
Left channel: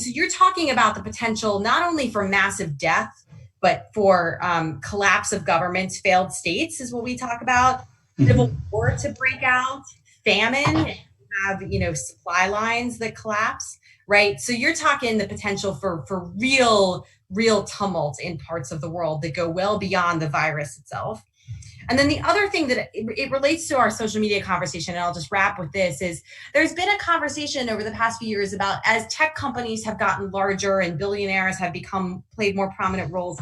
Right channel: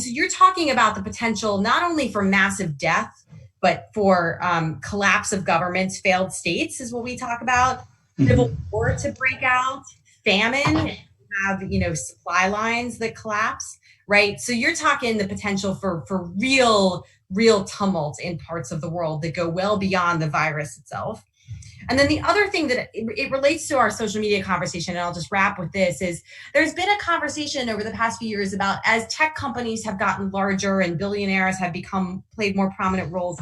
so you're talking about the potential not only for massive death, but for collapse of governments, failed states is what we talk about, civil war to break out, famine, have, supply lines that collapse, right? So you're talking the potential for real tumult in parts of the world that go well beyond the virus itself. And then the other thing that it relates to our social media conversation, and I'll just wrap with this, is there's been a conversation over the past few years about, as tech companies have gotten larger and billionaires have played more prominent roles,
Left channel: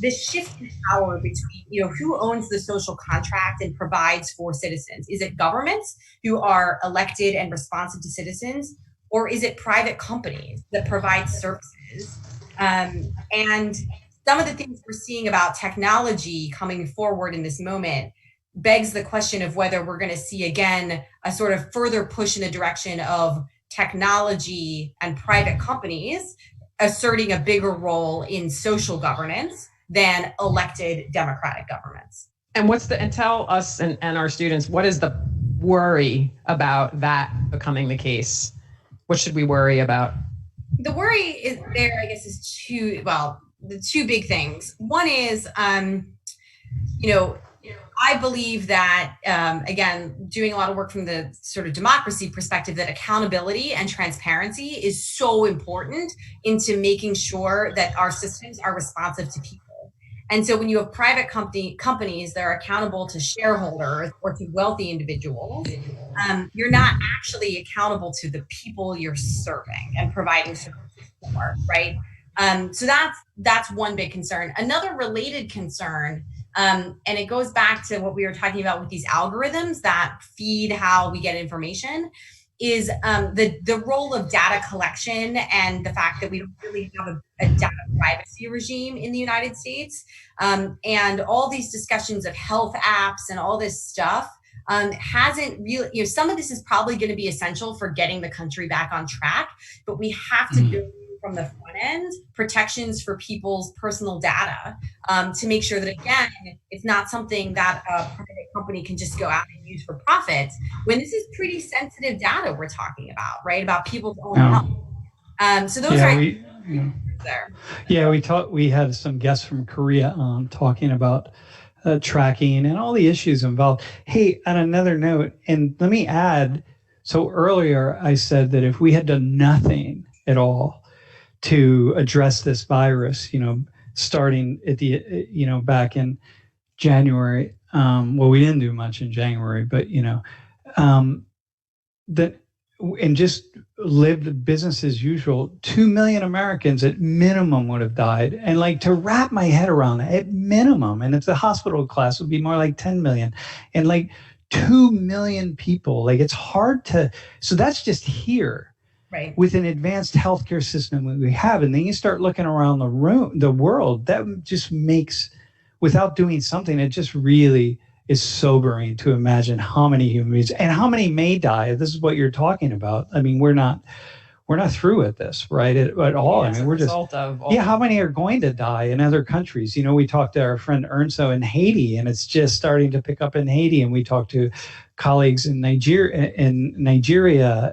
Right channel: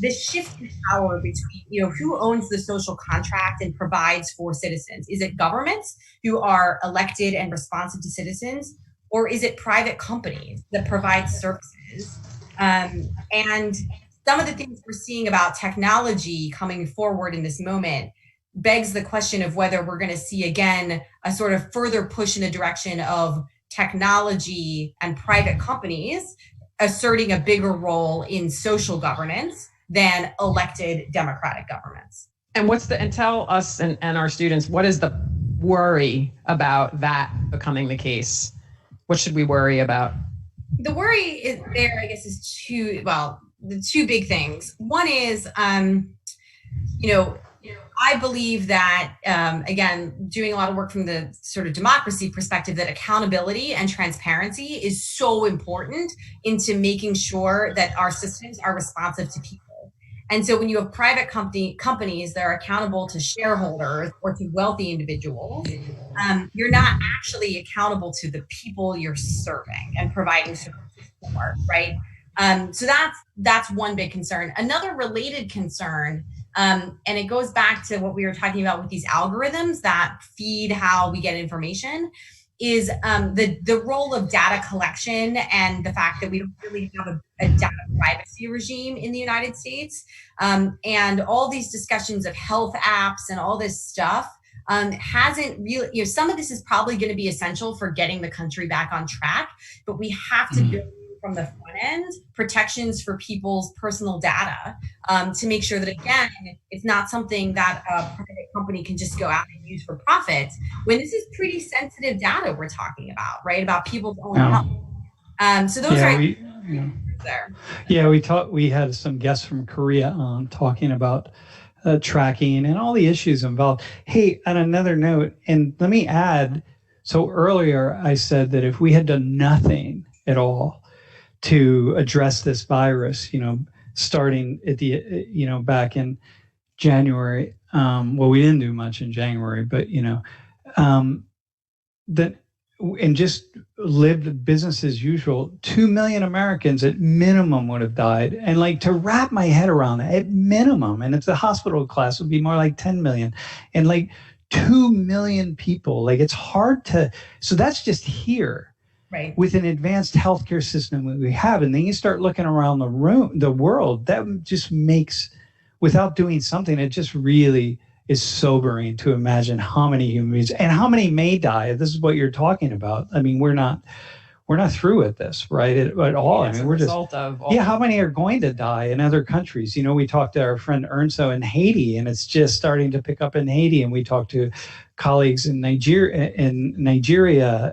this shift in power between, who owns the social contract and provides for citizens. Is it governments who are elected and responsive to citizens, or is it private companies that provide services? And some of the things we're seeing about technology coming forward in this moment begs the question of whether we're going to see, again, a sort of further push in the direction of technology and private companies asserting a bigger role in social governance than elected democratic governments. And tell us and our students, what is the worry about that becoming the case? What should we worry about? The worry is the two big things. One is I believe that, again, doing a lot of work from the sort of democracy perspective, that accountability and transparency is so important into making sure that our systems are responsive to people. And so when you have private companies that are accountable to shareholders or to wealthy individuals, you're not actually accountable to the people you're serving and providing services for, right? So that's one big concern. Another related concern, and it goes back to what we were talking about with these algorithms that feed how we get information, is the role of data collection and the fact that we don't really have a data privacy regime in the United States. And all these discussions of health apps and all this stuff hasn't really, some of this is probably going to be essential for getting the country back on track, but we have to build from the front end protections for people's personal data to make sure that, again, it's not something that a private company can just go out and use for profit, when this is pretty sensitive data we're talking about, right? About people's own health. So those are there. Yeah, we had some guests from Korea on talking about tracking and all the issues involved. Hey, on another note, and let me add, so earlier I said that if we had done nothing at all to address this virus, starting at the, back in January, well, we didn't do much in January, but, and just lived business as usual, 2 million Americans at minimum would have died. And like, to wrap my head around that, at minimum, and if the hospital class would be more like 10 million, and like 2 million people, like it's hard to, so that's just here. Right. With an advanced healthcare system that we have. And then you start looking around the world, that just makes, without doing something, it just really is sobering to imagine how many humans and how many may die. This is what you're talking about. I mean, we're not through with this, right? At all. Yeah, I mean, we're just, how many are going to die in other countries? We talked to our friend Ernso in Haiti, and it's just starting to pick up in Haiti. And we talked to colleagues in Nigeria,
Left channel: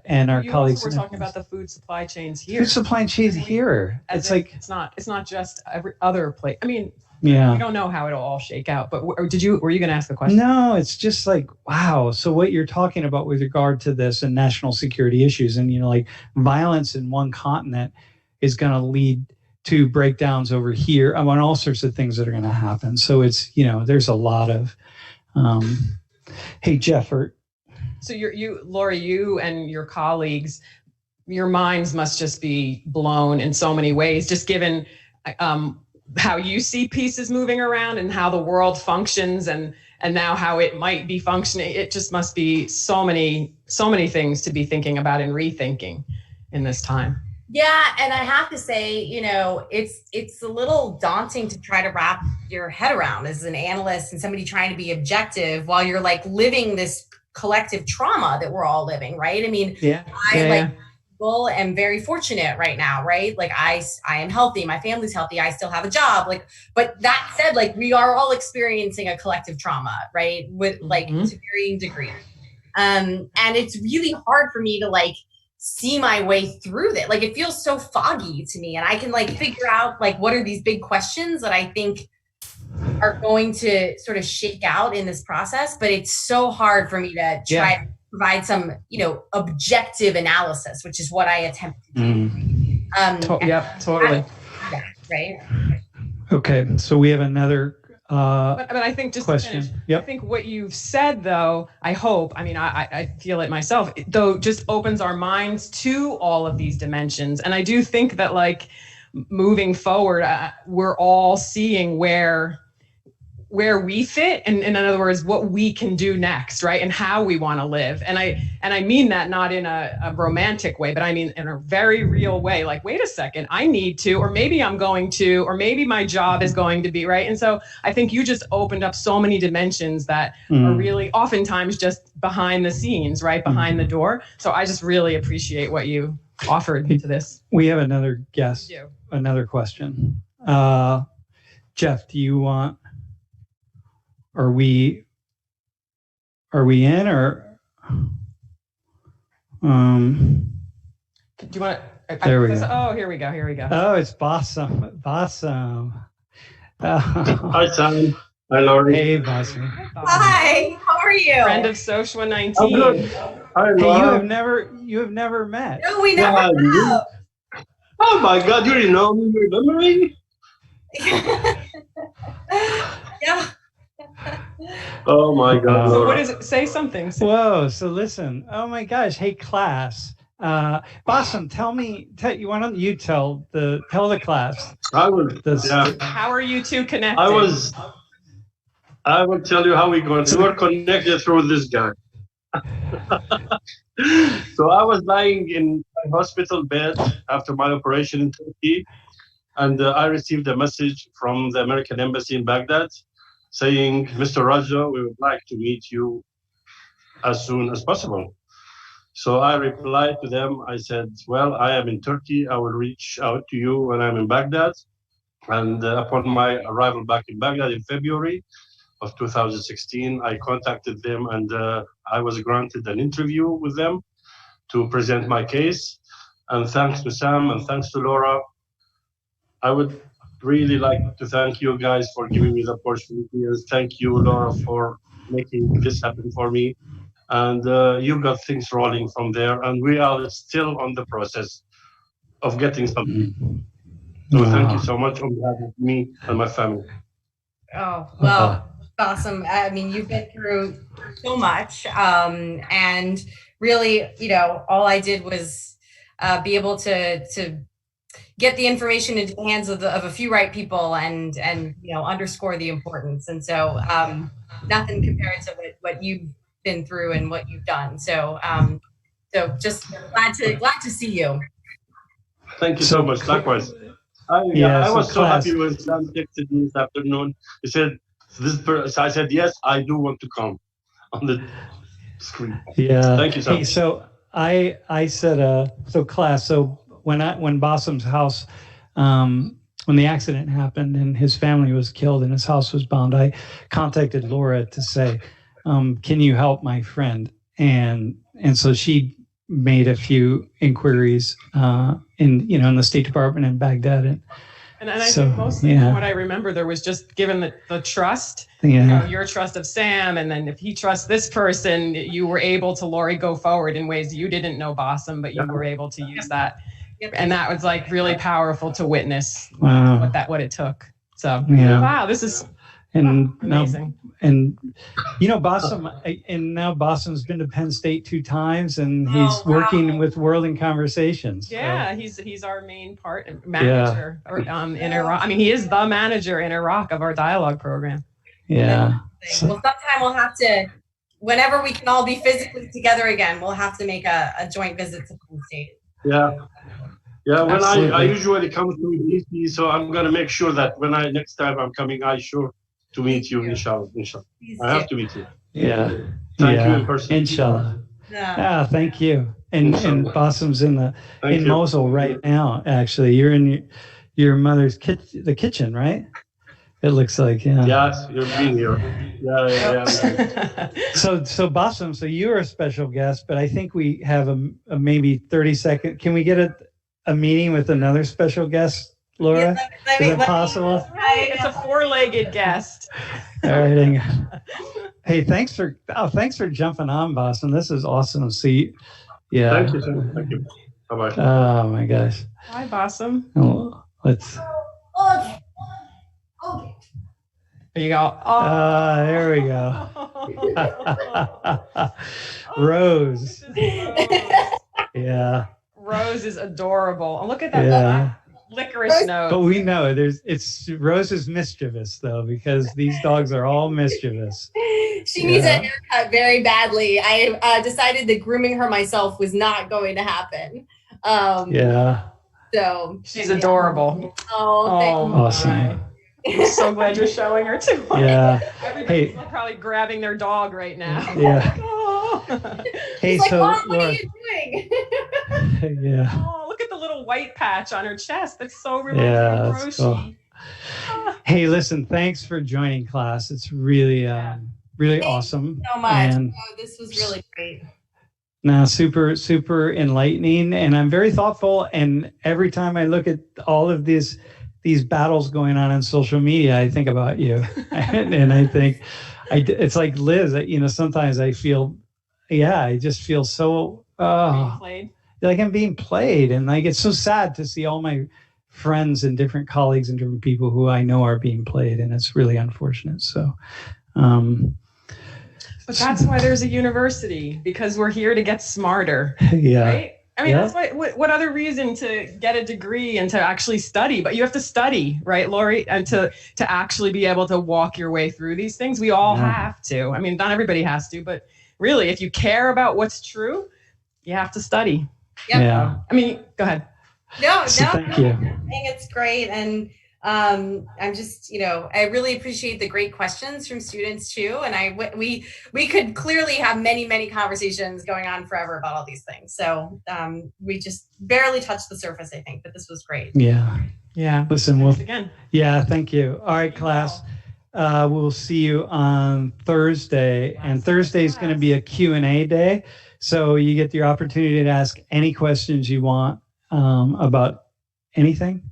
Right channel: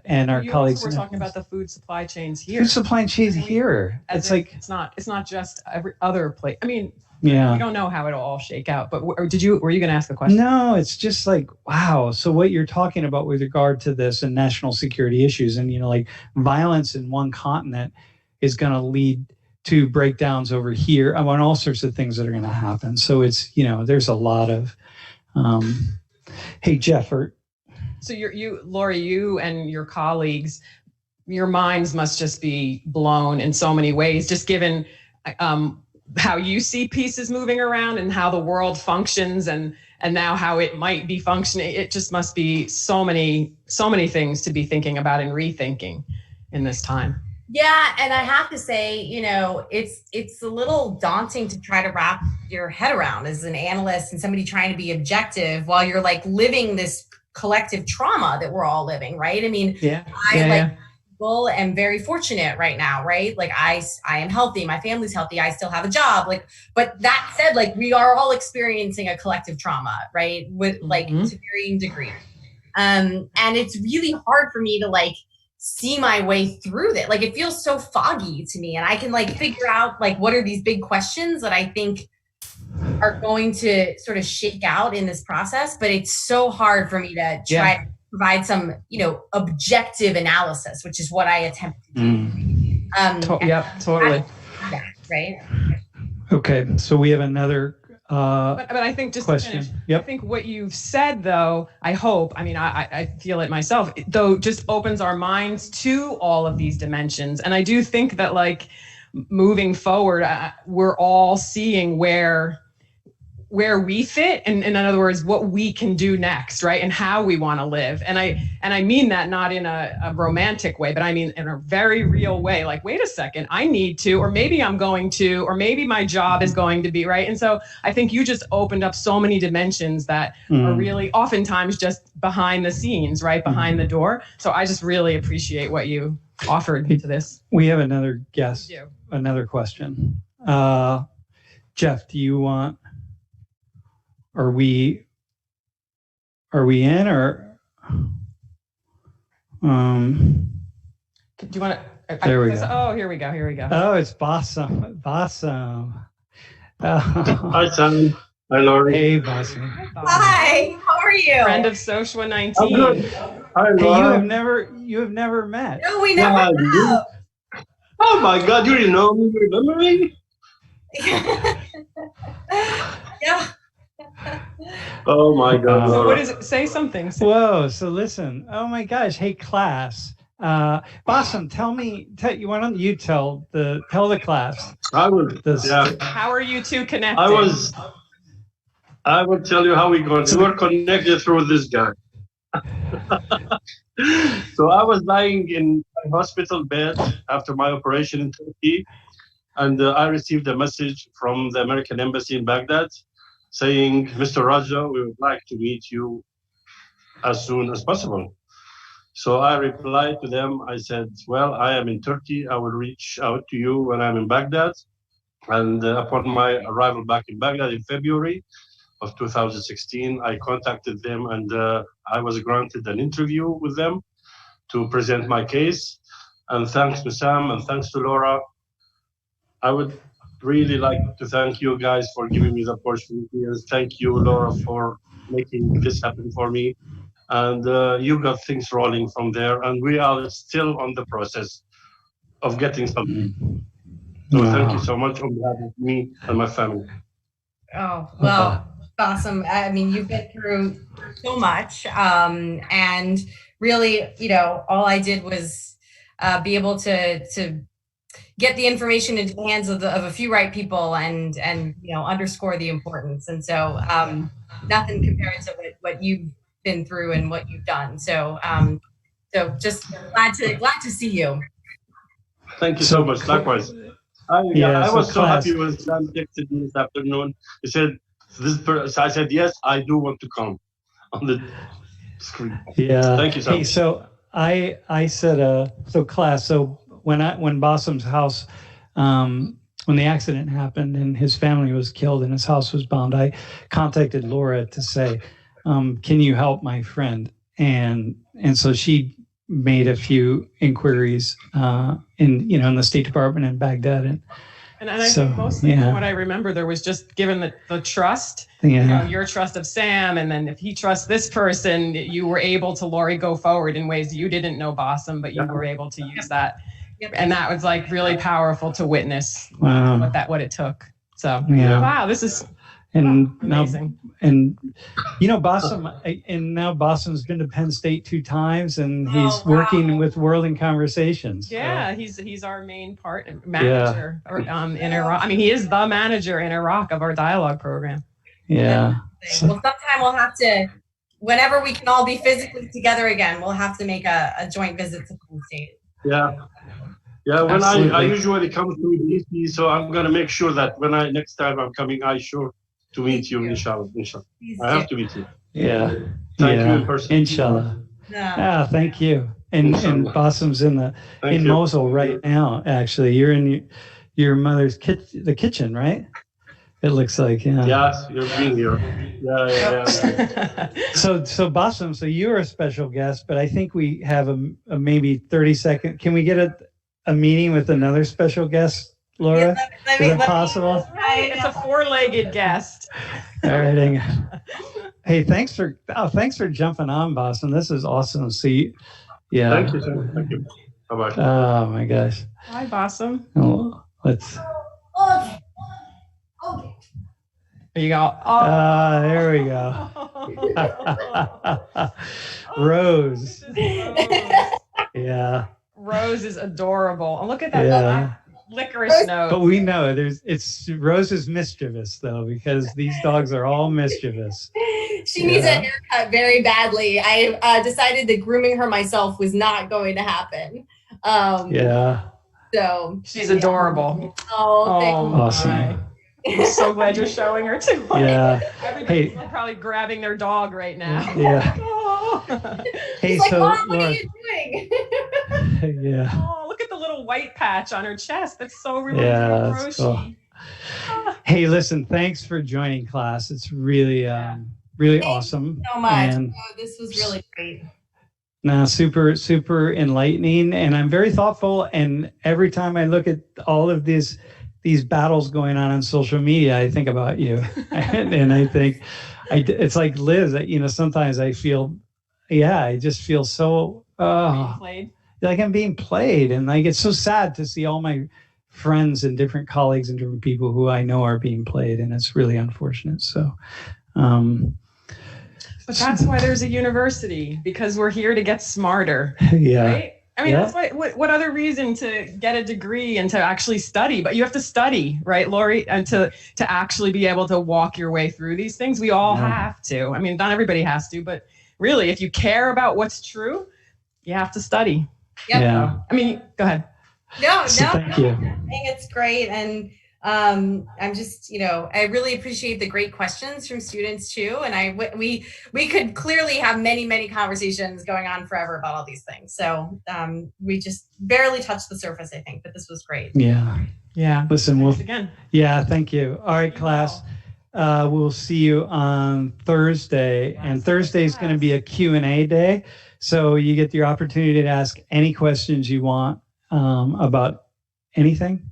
and our colleagues. We're talking about the food supply chains here. Food supply chains here. It's like, it's not just every other place. I mean, yeah, we don't know how it'll all shake out, but were you going to ask a question? No, it's just like, wow. So what you're talking about with regard to this and national security issues, and like violence in one continent is going to lead to breakdowns over here. I want all sorts of things that are going to happen. So it's, there's a lot of, hey, Jeff. So Laura, you and your colleagues, your minds must just be blown in so many ways, just given how you see pieces moving around and how the world functions, and now how it might be functioning. It just must be so many things to be thinking about and rethinking in this time. Yeah, and I have to say, it's a little daunting to try to wrap your head around as an analyst and somebody trying to be objective while you're like living this collective trauma that we're all living, right? I mean, I am very fortunate right now, right? Like I am healthy, my family's healthy, I still have a job. Like, but that said, like we are all experiencing a collective trauma, right? With like to varying degrees. And it's really hard for me to like see my way through that. Like it feels so foggy to me, and I can like figure out like what are these big questions that I think are going to sort of shake out in this process, but it's so hard for me to try to provide some, objective analysis, which is what I attempt to do. Totally. Right. Okay, so we have another but I think just question. To finish, I think what you've said, though, I hope, I mean, I feel it myself, though, just opens our minds to all of these dimensions. And I do think that, like, moving forward, we're all seeing where we fit, and in other words, what we can do next, right? And how we want to live. And I mean that not in a romantic way, but I mean in a very real way. Like, wait a second, I need to, or maybe I'm going to, or maybe my job is going to be, right? And so I think you just opened up so many dimensions that are really oftentimes just behind the scenes, right? Behind the door. So I just really appreciate what you offered to this. We have another guest, another question. Jeff, do you want, Are we in, or do you want to? There we go. Oh, here we go. Oh, it's Bassam. Hi, Sam. Hi, Laurie. Hey, Basim. Hi, how are you? Friend of Soshwa 19. I'm good. Hi, Hey, Laura. you have never met. No, we never Yeah, have. Oh my God, you didn't know me. You remember me? Yeah. Oh my God, So Laura. what is it? Say something. Whoa! So listen. Oh my gosh! Hey, class. Basim, why don't you tell the class? I will. Yeah. How are you two connected? I will tell you how we were connected through this guy. So I was lying in my hospital bed after my operation in Turkey, and I received a message from the American Embassy in Baghdad saying, Mr. Raja, we would like to meet you as soon as possible. So I replied to them, I said, well, I am in Turkey. I will reach out to you when I'm in Baghdad. And upon my arrival back in Baghdad in February of 2016, I contacted them and I was granted an interview with them to present my case. And thanks to Sam and thanks to Laura, I would really like to thank you guys for giving me the opportunity. And thank you, Laura, for making this happen for me. And you got things rolling from there. And we are still on the process of getting something. So thank you so much on behalf of me and my family. Oh, well, awesome. I mean, you've been through so much. And really, all I did was be able to get the information into the hands of a few right people and underscore the importance. And so nothing compared to what you've been through and what you've done. So just glad to see you. Thank you so much. Likewise. I was so happy when Sam texted me this afternoon. He said, I said, yes, I do want to come on the screen. Yeah. Thank you so much. Hey, so I said, class, so when Basim's house, when the accident happened and his family was killed and his house was bombed, I contacted Laura to say, can you help my friend? And so she made a few inquiries in the State Department in Baghdad. And I think mostly from what I remember, there was just given the trust, your trust of Sam, and then if he trusts this person, you were able to, Laurie, go forward in ways you didn't know Basim, but you were able to use that. And that was like really powerful to witness what it took. So wow, this is amazing. Basim's been to Penn State 2 times, and he's working with World in Conversations. Yeah, he's our main manager in Iraq. I mean, he is the manager in Iraq of our dialogue program. Yeah. Well, sometime we'll have to, whenever we can all be physically together again, we'll have to make a joint visit to Penn State. Yeah. Yeah, when I usually come to DC, so I'm going to make sure that next time I'm coming, I sure to meet you, inshallah. I have to meet you. Yeah. Thank you in person. Inshallah. Yeah. Thank you. And Basim's in Mosul right now, actually. You're in your mother's the kitchen, right? It looks like, Yes, you're being here. Yeah. So Basim, so you're a special guest, but I think we have a maybe 30-second. Can we get a meeting with another special guest, Laura? Is it possible? It's a 4-legged guest. All right, hang on. Hey, thanks for jumping on, Basim. This is awesome. See, Thank you, sir. Thank you. Bye-bye. Oh my gosh. Hi, Basim. Oh, let's. Okay. There you go. There we go. Rose. Yeah. Rose is adorable. Oh, look at that licorice nose. But we know Rose is mischievous though, because these dogs are all mischievous. She needs a haircut very badly. I decided that grooming her myself was not going to happen. So she's adorable. Oh, thank you. Awesome. I'm so glad you're showing her too. Yeah. Everybody's probably grabbing their dog right now. Yeah. Hey, like, so Mom, what Laura, are you doing? Yeah. Oh, look at the little white patch on her chest. That's so really that's cool. Hey, listen, thanks for joining class. It's really awesome. Thank you so much. This was really great. No, super, super enlightening. And I'm very thoughtful. And every time I look at all of these these battles going on social media, I think about you, and I think it's like Liz. Sometimes I feel, I just feel so like I'm being played, and like it's so sad to see all my friends and different colleagues and different people who I know are being played, and it's really unfortunate. So. But that's why there's a university, because we're here to get smarter. Yeah. Right? I mean, that's what other reason to get a degree and to actually study? But you have to study, right, Lori? And to actually be able to walk your way through these things. We all have to. I mean, not everybody has to, but really, if you care about what's true, you have to study. Yep. Yeah. I mean, go ahead. Thank you. I think it's great. And I'm just, I really appreciate the great questions from students too. And we could clearly have many, many conversations going on forever about all these things. So we just barely touched the surface, I think, but this was great. Yeah. Yeah. Listen, again. Yeah, thank you. All right, class. We'll see you on Thursday. And Thursday is going to be a Q&A day. So you get the opportunity to ask any questions you want about anything.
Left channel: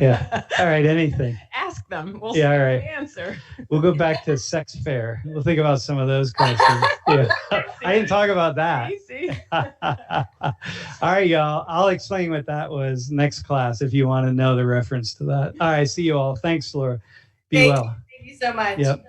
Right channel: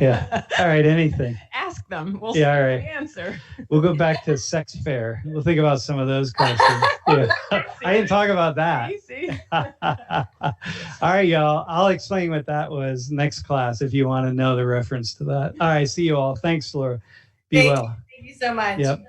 Yeah. All right. Anything. Ask them. We'll see all right. The answer. We'll go back to sex fair. We'll think about some of those questions. Yeah. I didn't talk about that. All right, y'all. I'll explain what that was next class if you want to know the reference to that. All right. See you all. Thanks, Laura. Be well. Thank you so much. Yep.